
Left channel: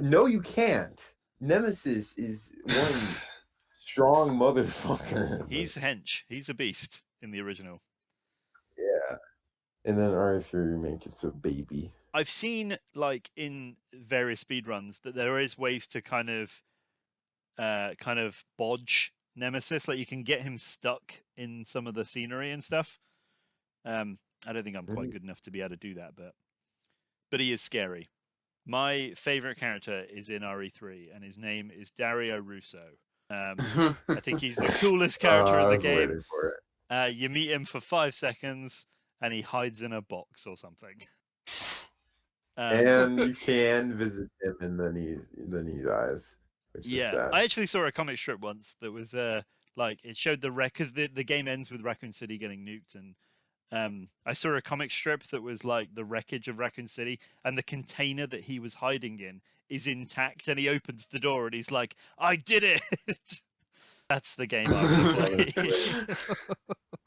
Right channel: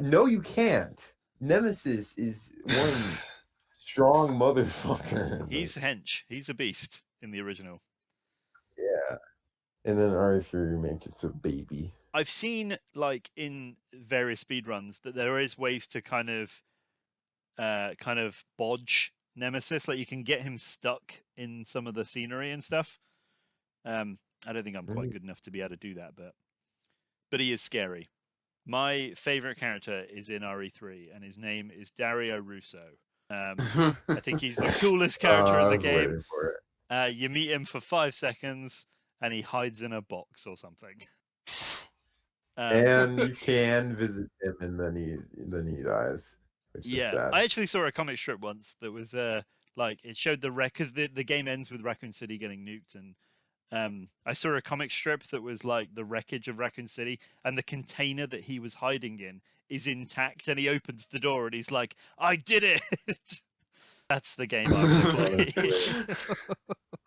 No, you can't. Nemesis is one strong motherfucker. He's hench. He's a beast in the original. Yeah. And then RE3 remake, it's a baby. I've seen like in various speedruns that there is ways to kind of bodge Nemesis. Like you can get him stuck in some of the scenery and stuff. I don't think I'm quite good enough to be able to do that, but he is scary. My favorite character is in RE3, and his name is Dario Russo. I think he's the coolest character in the game. You meet him for 5 seconds, and he hides in a box or something. And you can visit him, and then he dies. Which is sad. I actually saw a comic strip once that was like it showed the wreck because the game ends with Raccoon City getting nuked, and I saw a comic strip that was like the wreckage of Raccoon City, and the container that he was hiding in is intact, and he opens the door and he's like, "I did it!" That's the game I would play.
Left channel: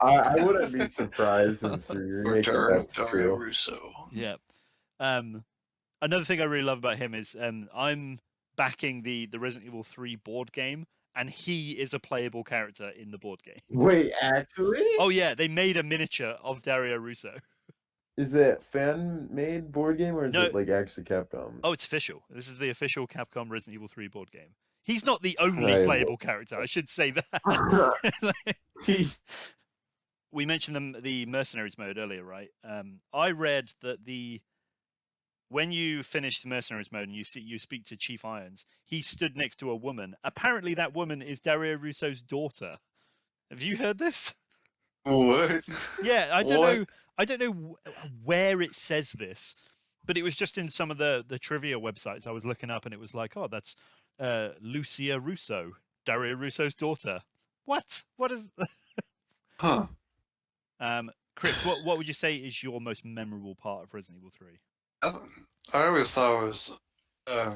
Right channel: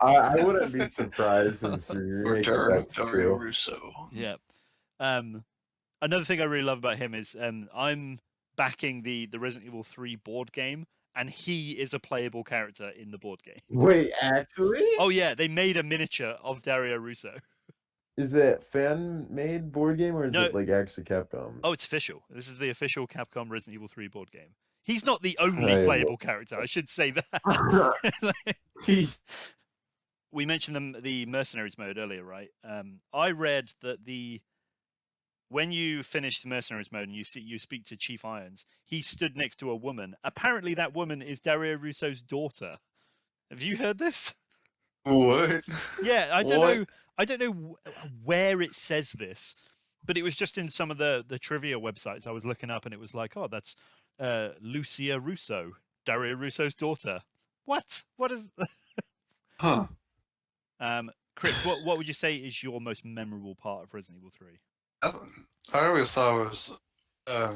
I wouldn't be surprised if that's true. Russo. Yeah. Another thing I really love about him is I'm backing the Resident Evil 3 board game, and he is a playable character in the board game. Wait, actually? Oh yeah, they made a miniature of Dario Russo. Is it fan-made board game, or is it like actually Capcom? Oh, it's official. This is the official Capcom Resident Evil 3 board game. He's not the only playable character, I should say that. We mentioned the Mercenaries mode earlier, right? I read that when you finish the Mercenaries mode and you speak to Chief Irons, he stood next to a woman. Apparently, that woman is Dario Russo's daughter. Have you heard this? What? Yeah, I don't know where it says this, but it was just in some of the trivia websites I was looking up, and it was like, oh, that's Lucia Russo, Dario Russo's daughter. What? What is? Huh. Krypt, what would you say is your most memorable part of Resident Evil 3? I always thought it was a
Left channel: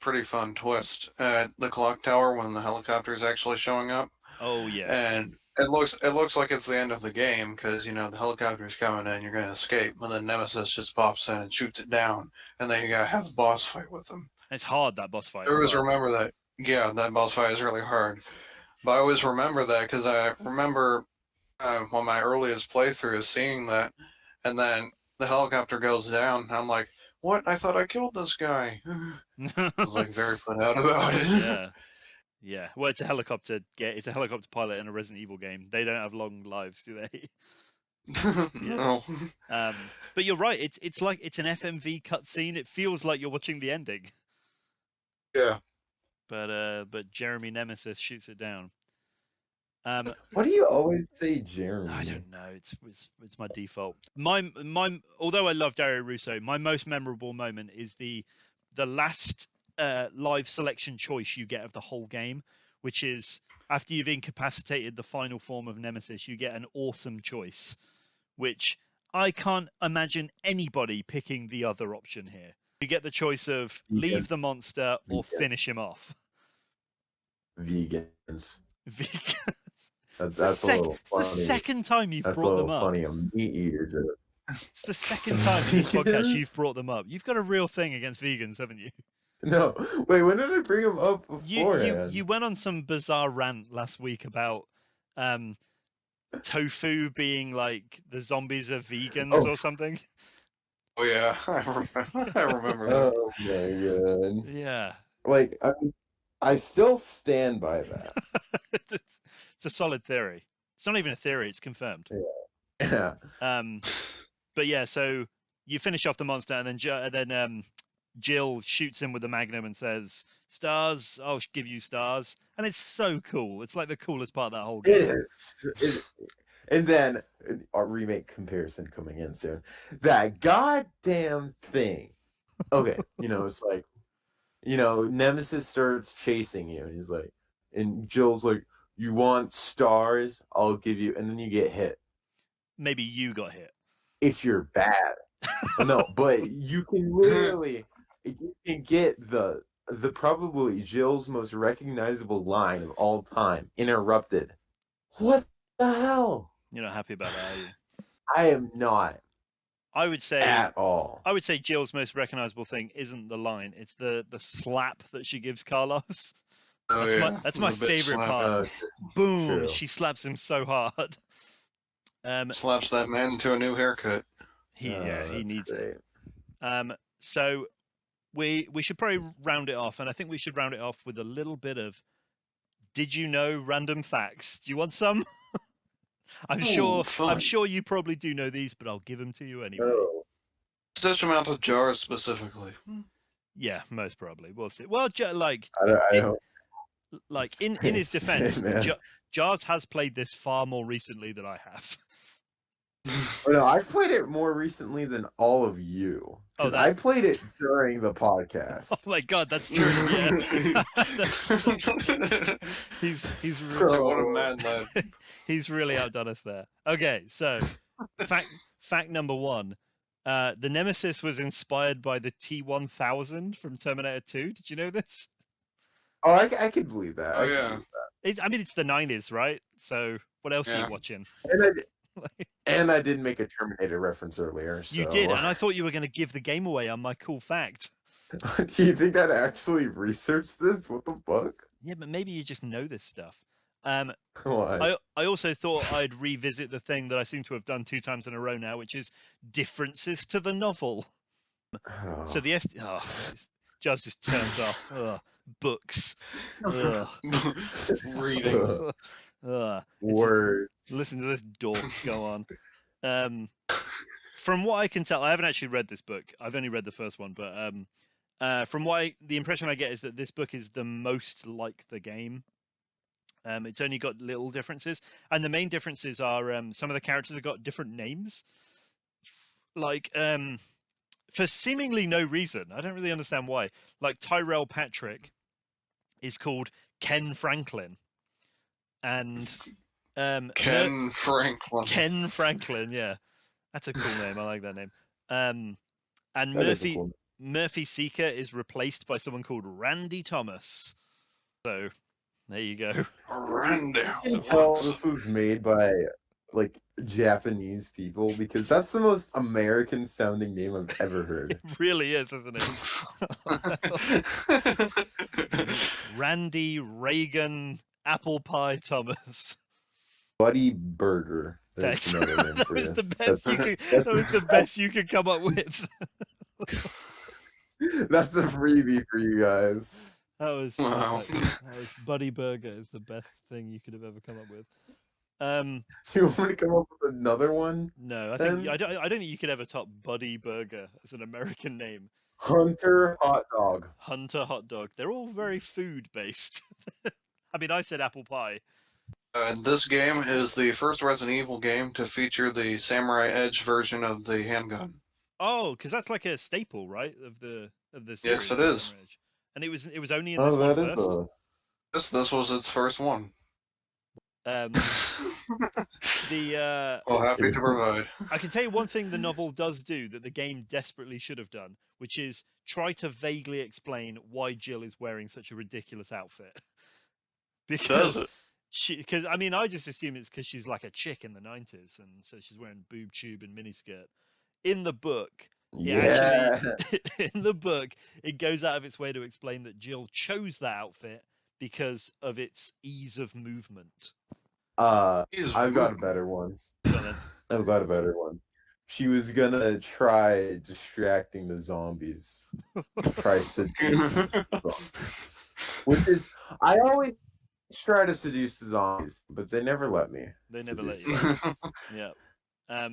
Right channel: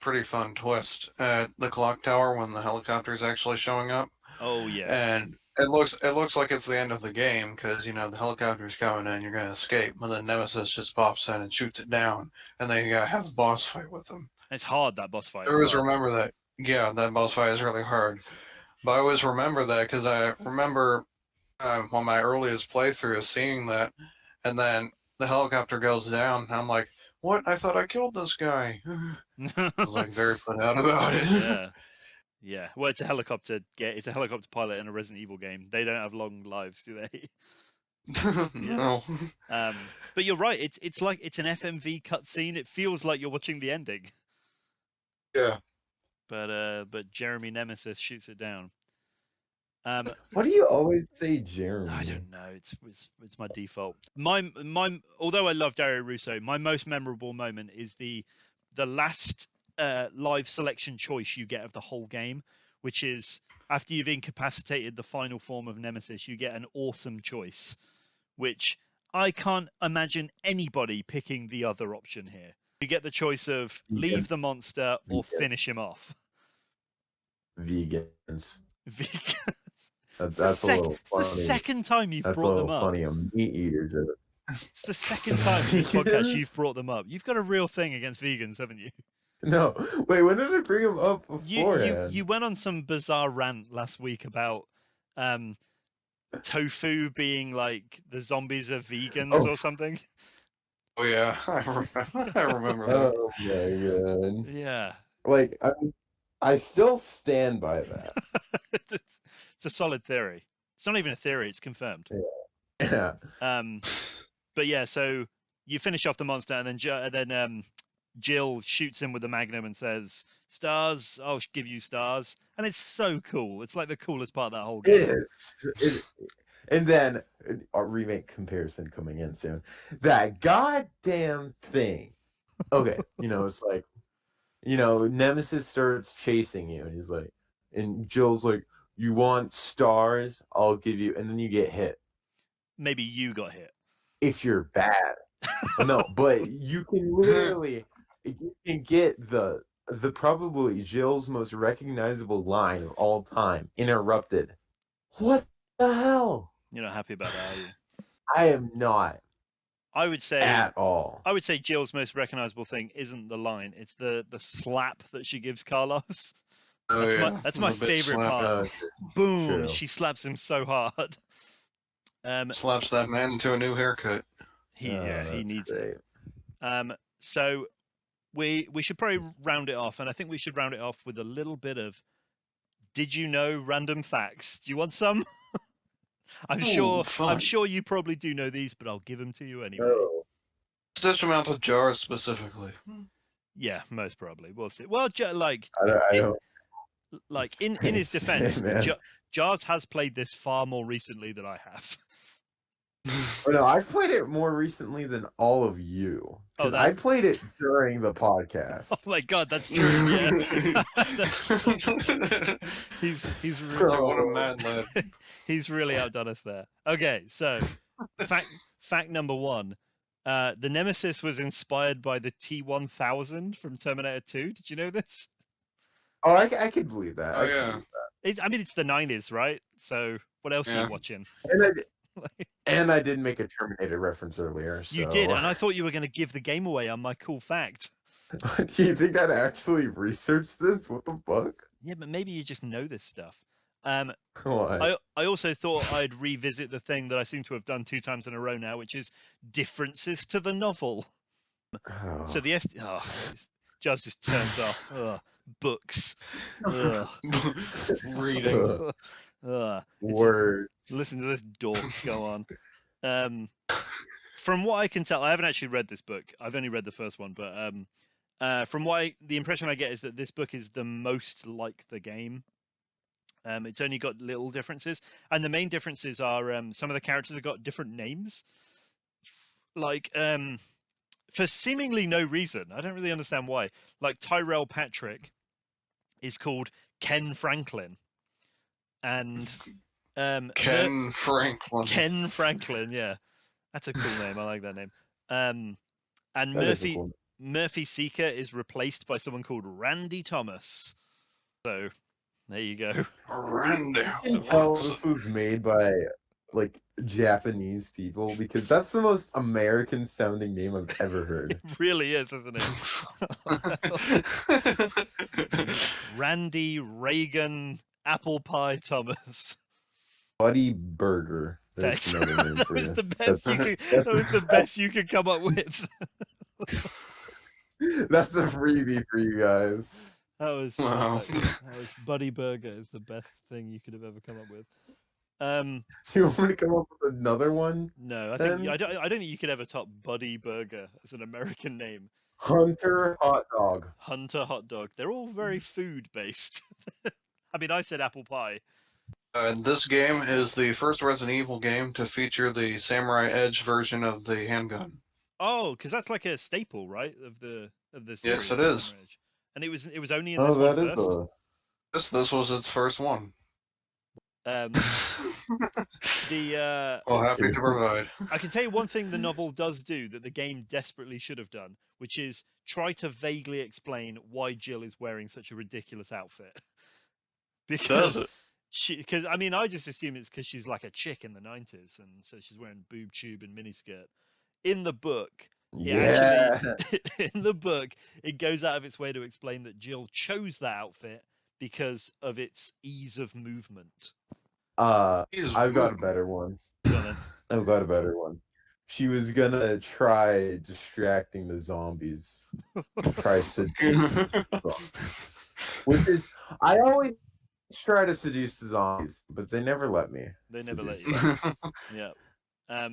pretty fun twist at the clock tower when the helicopter is actually showing up. Oh yeah. And it looks like it's the end of the game because the helicopter's coming in, you're gonna escape, and then Nemesis just pops in and shoots it down, and then you gotta have a boss fight with him. It's hard, that boss fight. I always remember that. Yeah, that boss fight is really hard. But I always remember that because I remember on my earliest playthrough seeing that, and then the helicopter goes down, and I'm like, what? I thought I killed this guy. I was like very put out about it. Yeah. Yeah. Well, it's a helicopter pilot in a Resident Evil game. They don't have long lives, do they? No. But you're right. It's like it's an FMV cutscene. It feels like you're watching the ending. Yeah. But Jeremy Nemesis shoots it down. Why do you always say Jeremy? I don't know. It's my default. My although I love Dario Russo, my most memorable moment is the last live selection choice you get of the whole game, which is after you've incapacitated the final form of Nemesis, you get an awesome choice, which I can't imagine anybody picking the other option here. You get the choice of leave the monster or finish him off. Vegans. That's a little funny. It's the second time you've brought them up. Funny, a meat eater joke. It's the second time in this podcast you've brought them up. You've got a real thing against vegans, haven't you? No. Wait, when did I bring them up before? You went on some bizarre rant last week about tofu being like the zombies are vegans or something. Oh yeah, I remember that. Oh my god. Yeah. Like, I still stand by that. It's a solid theory. It's not even a theory; it's confirmed. Yeah. But yeah, so you finish off the monster, and then Jill shoots him with the magnum and says, "Stars, I'll give you stars," and it's so cool. It's like the coolest part of that whole game. And then our remake comparison coming in soon. That goddamn thing. Okay, it's like, Nemesis starts chasing you, and he's like, and Jill's like, "You want stars? I'll give you," and then you get hit. Maybe you got hit. If you're bad. Well, no, but you can literally, you can get the probably Jill's most recognizable line of all time interrupted. What the hell? You're not happy about that, are you? I am not I would say at all. I would say Jill's most recognizable thing isn't the line; it's the slap that she gives Carlos. That's my favorite part. Boom! True. She slaps him so hard. Slaps that man into a new haircut. He needs great. it. So we should probably round it off, and I think we should round it off with a little bit of "Did you know?" random facts. Do you want some? I'm sure you probably do know these, but I'll give them to you anyway. Oh. Such amount of jars specifically. Yeah, most probably. We'll see. Well, I don't. like in his defense, Jars has played this far more recently than I have. Oh, no, I've played it more recently than all of you. Oh, I played it during the podcast. Oh my god, that's true. Yeah, he's What a mad lad. He's really outdone us there. Okay, so fact number one. The Nemesis was inspired by the T-1000 from Terminator 2. Did you know this? Oh, I could believe that. Oh, yeah. It's the 90s, right? So what else are you watching? And I did make a Terminator reference earlier. So. You did, and I thought you were going to give the game away on my cool fact. Do you think I'd actually research this? What the fuck? Yeah, but maybe you just know this stuff. Why? I also thought I'd revisit the thing that I seem to have done 2 times in a row now, which is differences to the novel. Oh. So Jazz just turns off. Ugh, books. Ugh. Reading. Words. Listen to this dork go on. From what I can tell, I haven't actually read this book. I've only read the first one, but from the impression I get is that this book is the most like the game. It's only got little differences, and the main differences are some of the characters have got different names. Like for seemingly no reason. I don't really understand why. Like Tyrell Patrick is called Ken Franklin, and Ken Franklin. Ken Franklin, yeah, that's a cool name. I like that name. And Murphy Seeker is replaced by someone called Randy Thomas. So there you go. Randy. Well, this was made by like Japanese people because that's the most American sounding name I've ever heard. It really is, isn't it? Randy Reagan Apple Pie Thomas. Buddy Burger. That was the best you could come up with. That's a freebie for you guys. That was wow. That was Buddy Burger is the best thing you could have ever come up with. Do you want me to come up with another one? No, I don't think you could ever top Buddy Burger as an American name. Hunter Hot Dog. Hunter Hot Dog. They're all very food based. I mean, I said apple pie. This game is the first Resident Evil game to feature the Samurai Edge version of the handgun. Oh, because that's like a staple, right, of the series. Yes, it is. And it was only in this one first. This was its first one. Well, happy to provide. I can tell you one thing the novel does do that the game desperately should have done, which is try to vaguely explain why Jill is wearing such a ridiculous outfit. Because I mean, I just assume it's because she's like a chick in the 90s, and so she's wearing boob tube and miniskirt. In the book, in the book, it goes out of its way to explain that Jill chose that outfit because of its ease of movement. I've got a better one. Go on then. I've got a better one. She was gonna try distracting the zombies. Try seducing the zombies. Which is, I always try to seduce the zombies, but they never let me. They never let you. Yeah. I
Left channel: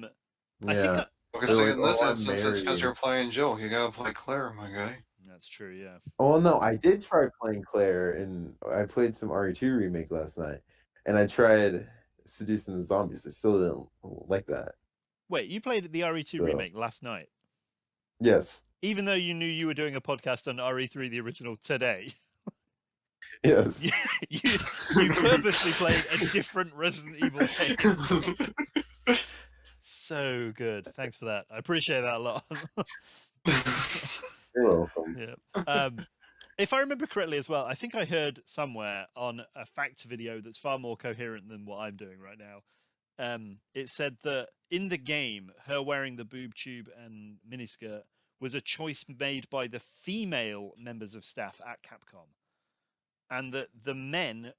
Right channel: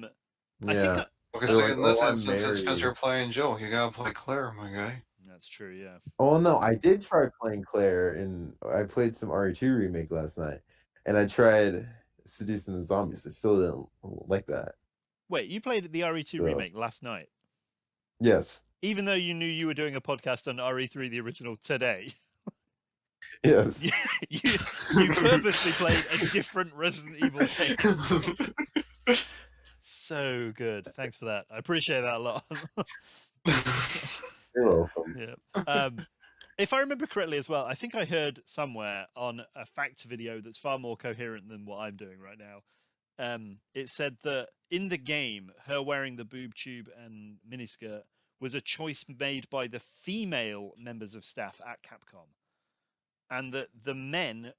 think in this instance, it's because you're playing Jill. You gotta play Claire, my guy. That's true. Yeah. Oh no, I did try playing Claire, and I played some RE2 remake last night, and I tried seducing the zombies. They still didn't like that. Wait, you played the RE2 So remake last night, yes, even though you knew you were doing a podcast on RE3, the original, today. yes. you you purposely played a different Resident Evil game. So good. Thanks for that. I appreciate that a lot. You're welcome. Yeah. If I remember correctly as well, I think I heard somewhere on a fact video that's far more coherent than what I'm doing right now. It said that in the game, her wearing the boob tube and miniskirt was a choice made by the female members of staff at Capcom, and that the men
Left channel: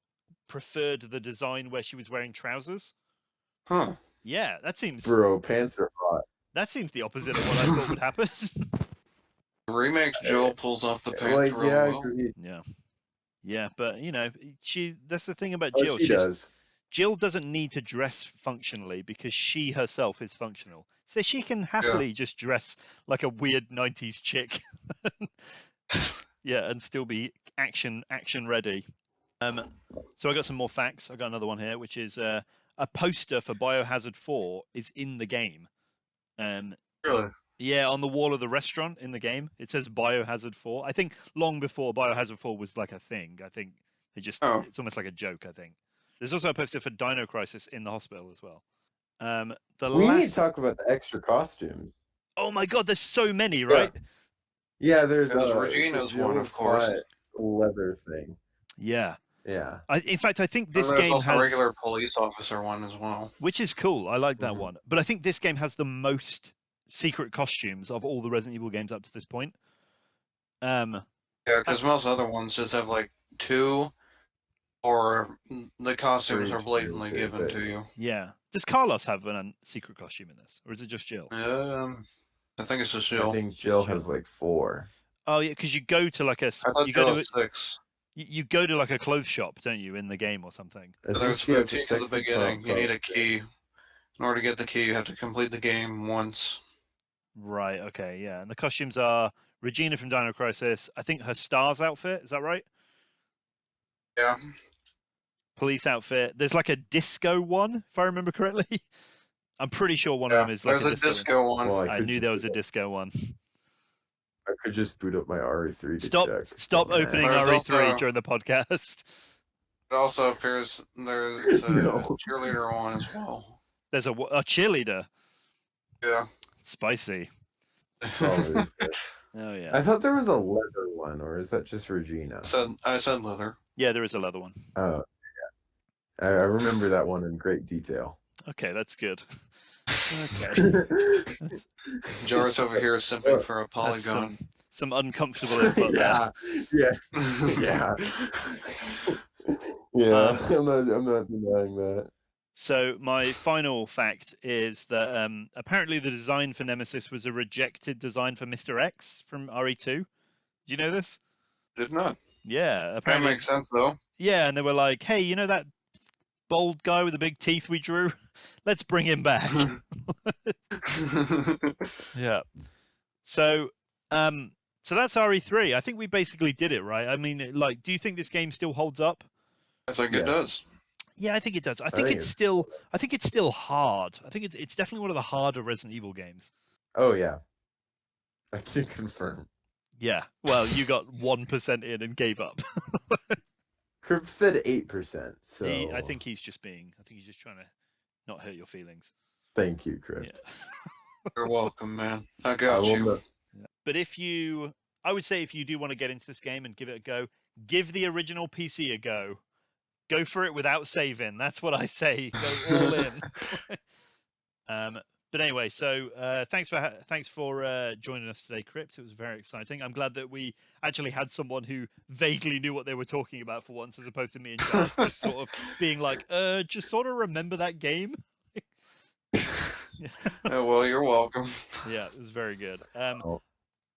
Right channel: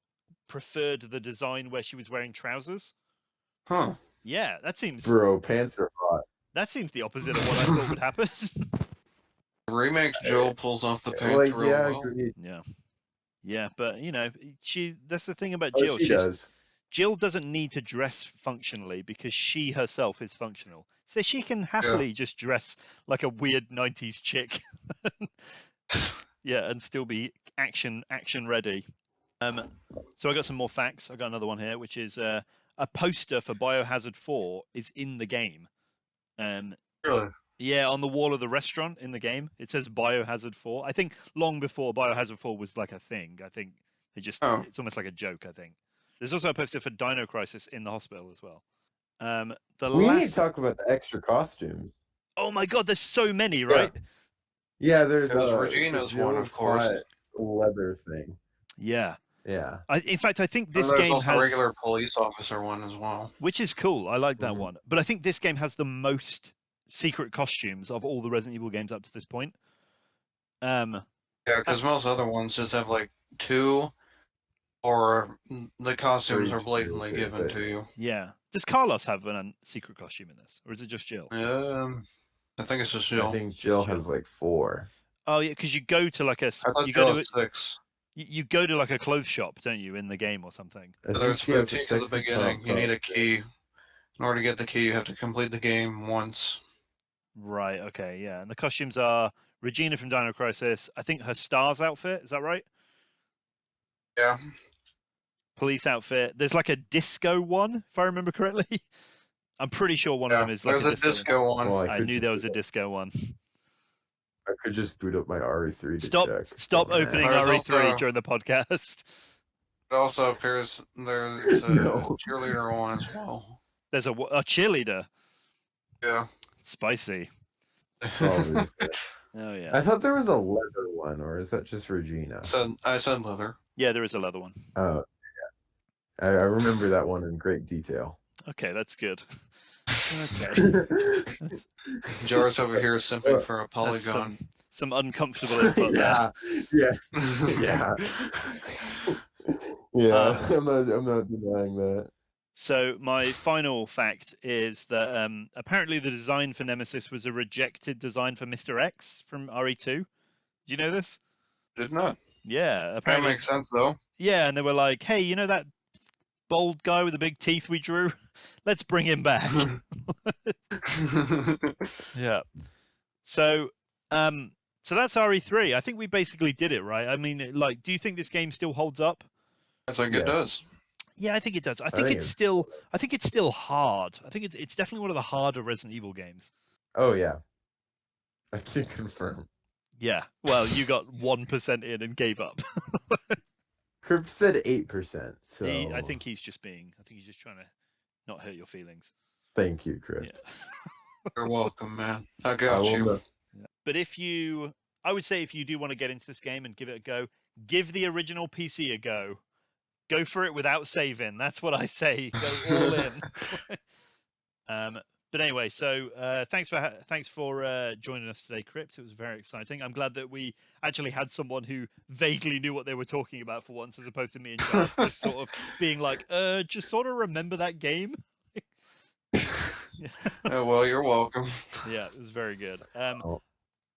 preferred the design where she was wearing trousers. Huh. Yeah, that seems Bro, pants are hot. the opposite of what I thought would happen. Remake Jill pulls off the pants Like, real yeah, I well. agree. Yeah. Yeah, but you know, that's the thing about Oh, Jill. she does. Jill doesn't need to dress functionally because she herself is functional. So she can happily just dress like a weird 90s chick. Yeah, and still be action ready. So I got some more facts. I got another one here, which is a poster for Biohazard 4 is in the game. Really? Yeah, on the wall of the restaurant in the game, it says Biohazard 4. I think long before Biohazard 4 was like a thing. I think it's almost like a joke, I think. There's also a poster for Dino Crisis in the hospital as well. We need to talk about the extra costumes. Oh my god, there's so many, right? Yeah, there's Regina's the one, of course. hot leather thing. Yeah. Yeah. In fact, I think this and there's game also has a regular police officer one as well. which is cool. I like that Mhm. one. But I think this game has the most secret costumes of all the Resident Evil games up to this point. Yeah, because most other ones just have like 2, or the costumes For are each blatantly character, given but- to you. Yeah. Does Carlos have a secret costume in this, or is it just Jill? I think it's just I Jill. think It's Jill just has Jill. like 4. Oh yeah, because you go to like I thought you go Jill to has 6. you go to like a clothes shop, don't you, in the game or something? I think There's she has a 13 at the sexy beginning. top You need a coat. key. In order to get the key, you have to complete the game once. Right. Okay. Yeah. And the costumes are Regina from Dino Crisis. I think her Stars outfit. Is that right? Yeah. Police outfit. There's like a disco one, if I remember correctly. I'm pretty sure one of them is like There's a disco. one. Well, I could knew just there was a boot up- disco one. I could just boot up my RE3 to Stop! check. Stop Dumbass. opening There's RE3 also- during the podcast. It also appears there's a No. cheerleader one as well. There's a cheerleader. Yeah. Spicy. Probably. Oh yeah. I thought there was a leather one, or is that just Regina? I said leather. Yeah, there is a leather one. Oh, yeah. I remember that one in great detail. Okay, that's good. Okay. That's, Joris over here is simping for a that's polygon. some uncomfortable input there. yeah, yeah, yeah. Um, I'm not denying that. So my final fact is that apparently the design for Nemesis was a rejected design for Mr. X from RE2. Do you know this? Did not. Yeah, That apparently. makes sense though. Yeah, and they were like, "Hey, you know that bold guy with the big teeth we drew? Let's bring him back." Yeah. So that's RE3. I think we basically did it, right? I mean, like, do you think this game still holds up? I think Yeah. it does. Yeah, I think it does. I think think it's it's- still hard. I think it's definitely one of the harder Resident Evil games. Oh yeah, I can confirm. Yeah. Well, you got 1% in and gave up. Krypt said 8%. So I think he's just trying to not hurt your feelings. Thank you, Krypt. Yeah. You're welcome, man. I I got will you. not- But I would say if you do want to get into this game and give it a go, give the original PC a go. Go for it without saving. That's what I say. Go all in. But anyway, so thanks for joining us today, Krypt. It was very exciting. I'm glad that we actually had someone who vaguely knew what they were talking about for once, as opposed to me and Jazz just sort of being like, just sort of remember that game. Oh, well, you're welcome. Yeah, it was very good. Oh.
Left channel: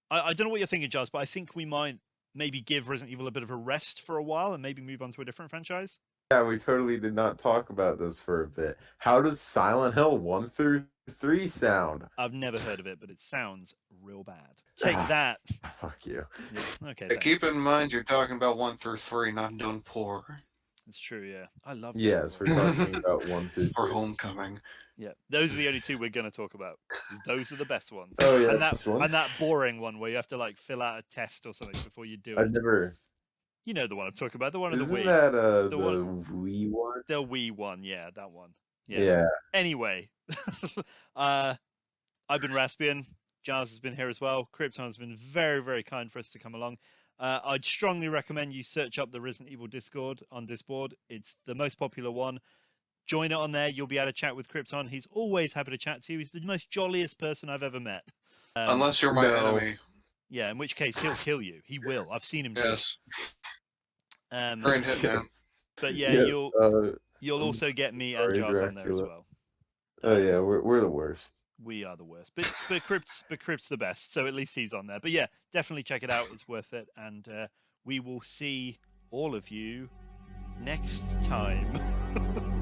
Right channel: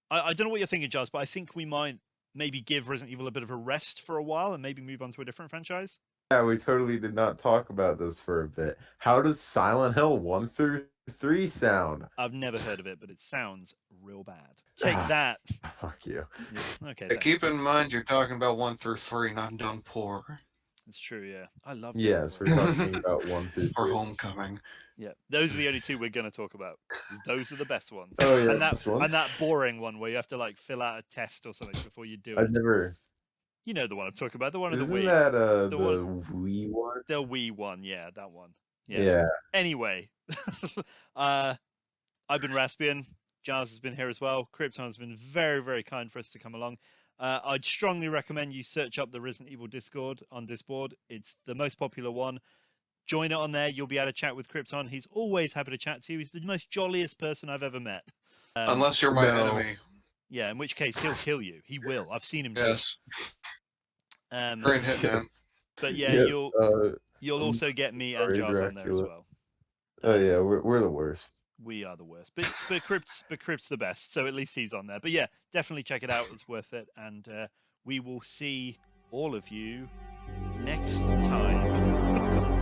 I don't know what you're thinking, Jazz, but I think we might maybe give Resident Evil a bit of a rest for a while and maybe move on to a different franchise. Yeah, we totally did not talk about this for a bit. How does Silent Hill 1 through 3 sound. I've never heard of it, but it sounds real bad. Take Ah. that. Fuck you. Yeah. Okay. But Thanks. keep in mind, you're talking about 1 through 3, not done poor. It's true. Yeah. I love. Yes, we're Downpour. talking about 1 through Or 3. Homecoming. Yeah. Those are the only two we're gonna talk about. Those are the best ones. Oh yeah, and that this one. and that boring one where you have to like fill out a test or something before you do I've it. never. You know the one I'm talking about. The one of the Isn't Wii. that The the one- Wii one? The Wii one. Yeah, that one. Yeah. Yeah. Anyway, I've been Raspian. Giles has been here as well. Krypton has been very, very kind for us to come along. I'd strongly recommend you search up the Resident Evil Discord on Discord. It's the most popular one. Join it on there. You'll be able to chat with Krypton. He's always happy to chat to you. He's the most jolliest person I've ever met. Unless you're my no. enemy. Yeah, in which case he'll kill you. He will. I've seen him do it. Yes. Um, Great hitman. but yeah, Yeah, you'll also get me and sorry, Giles on there as Dracula. well. Oh yeah, we're the worst. We are the worst, but Krypt's the best, so at least he's on there. But yeah, definitely check it out; it's worth it, and we will see all of you next time.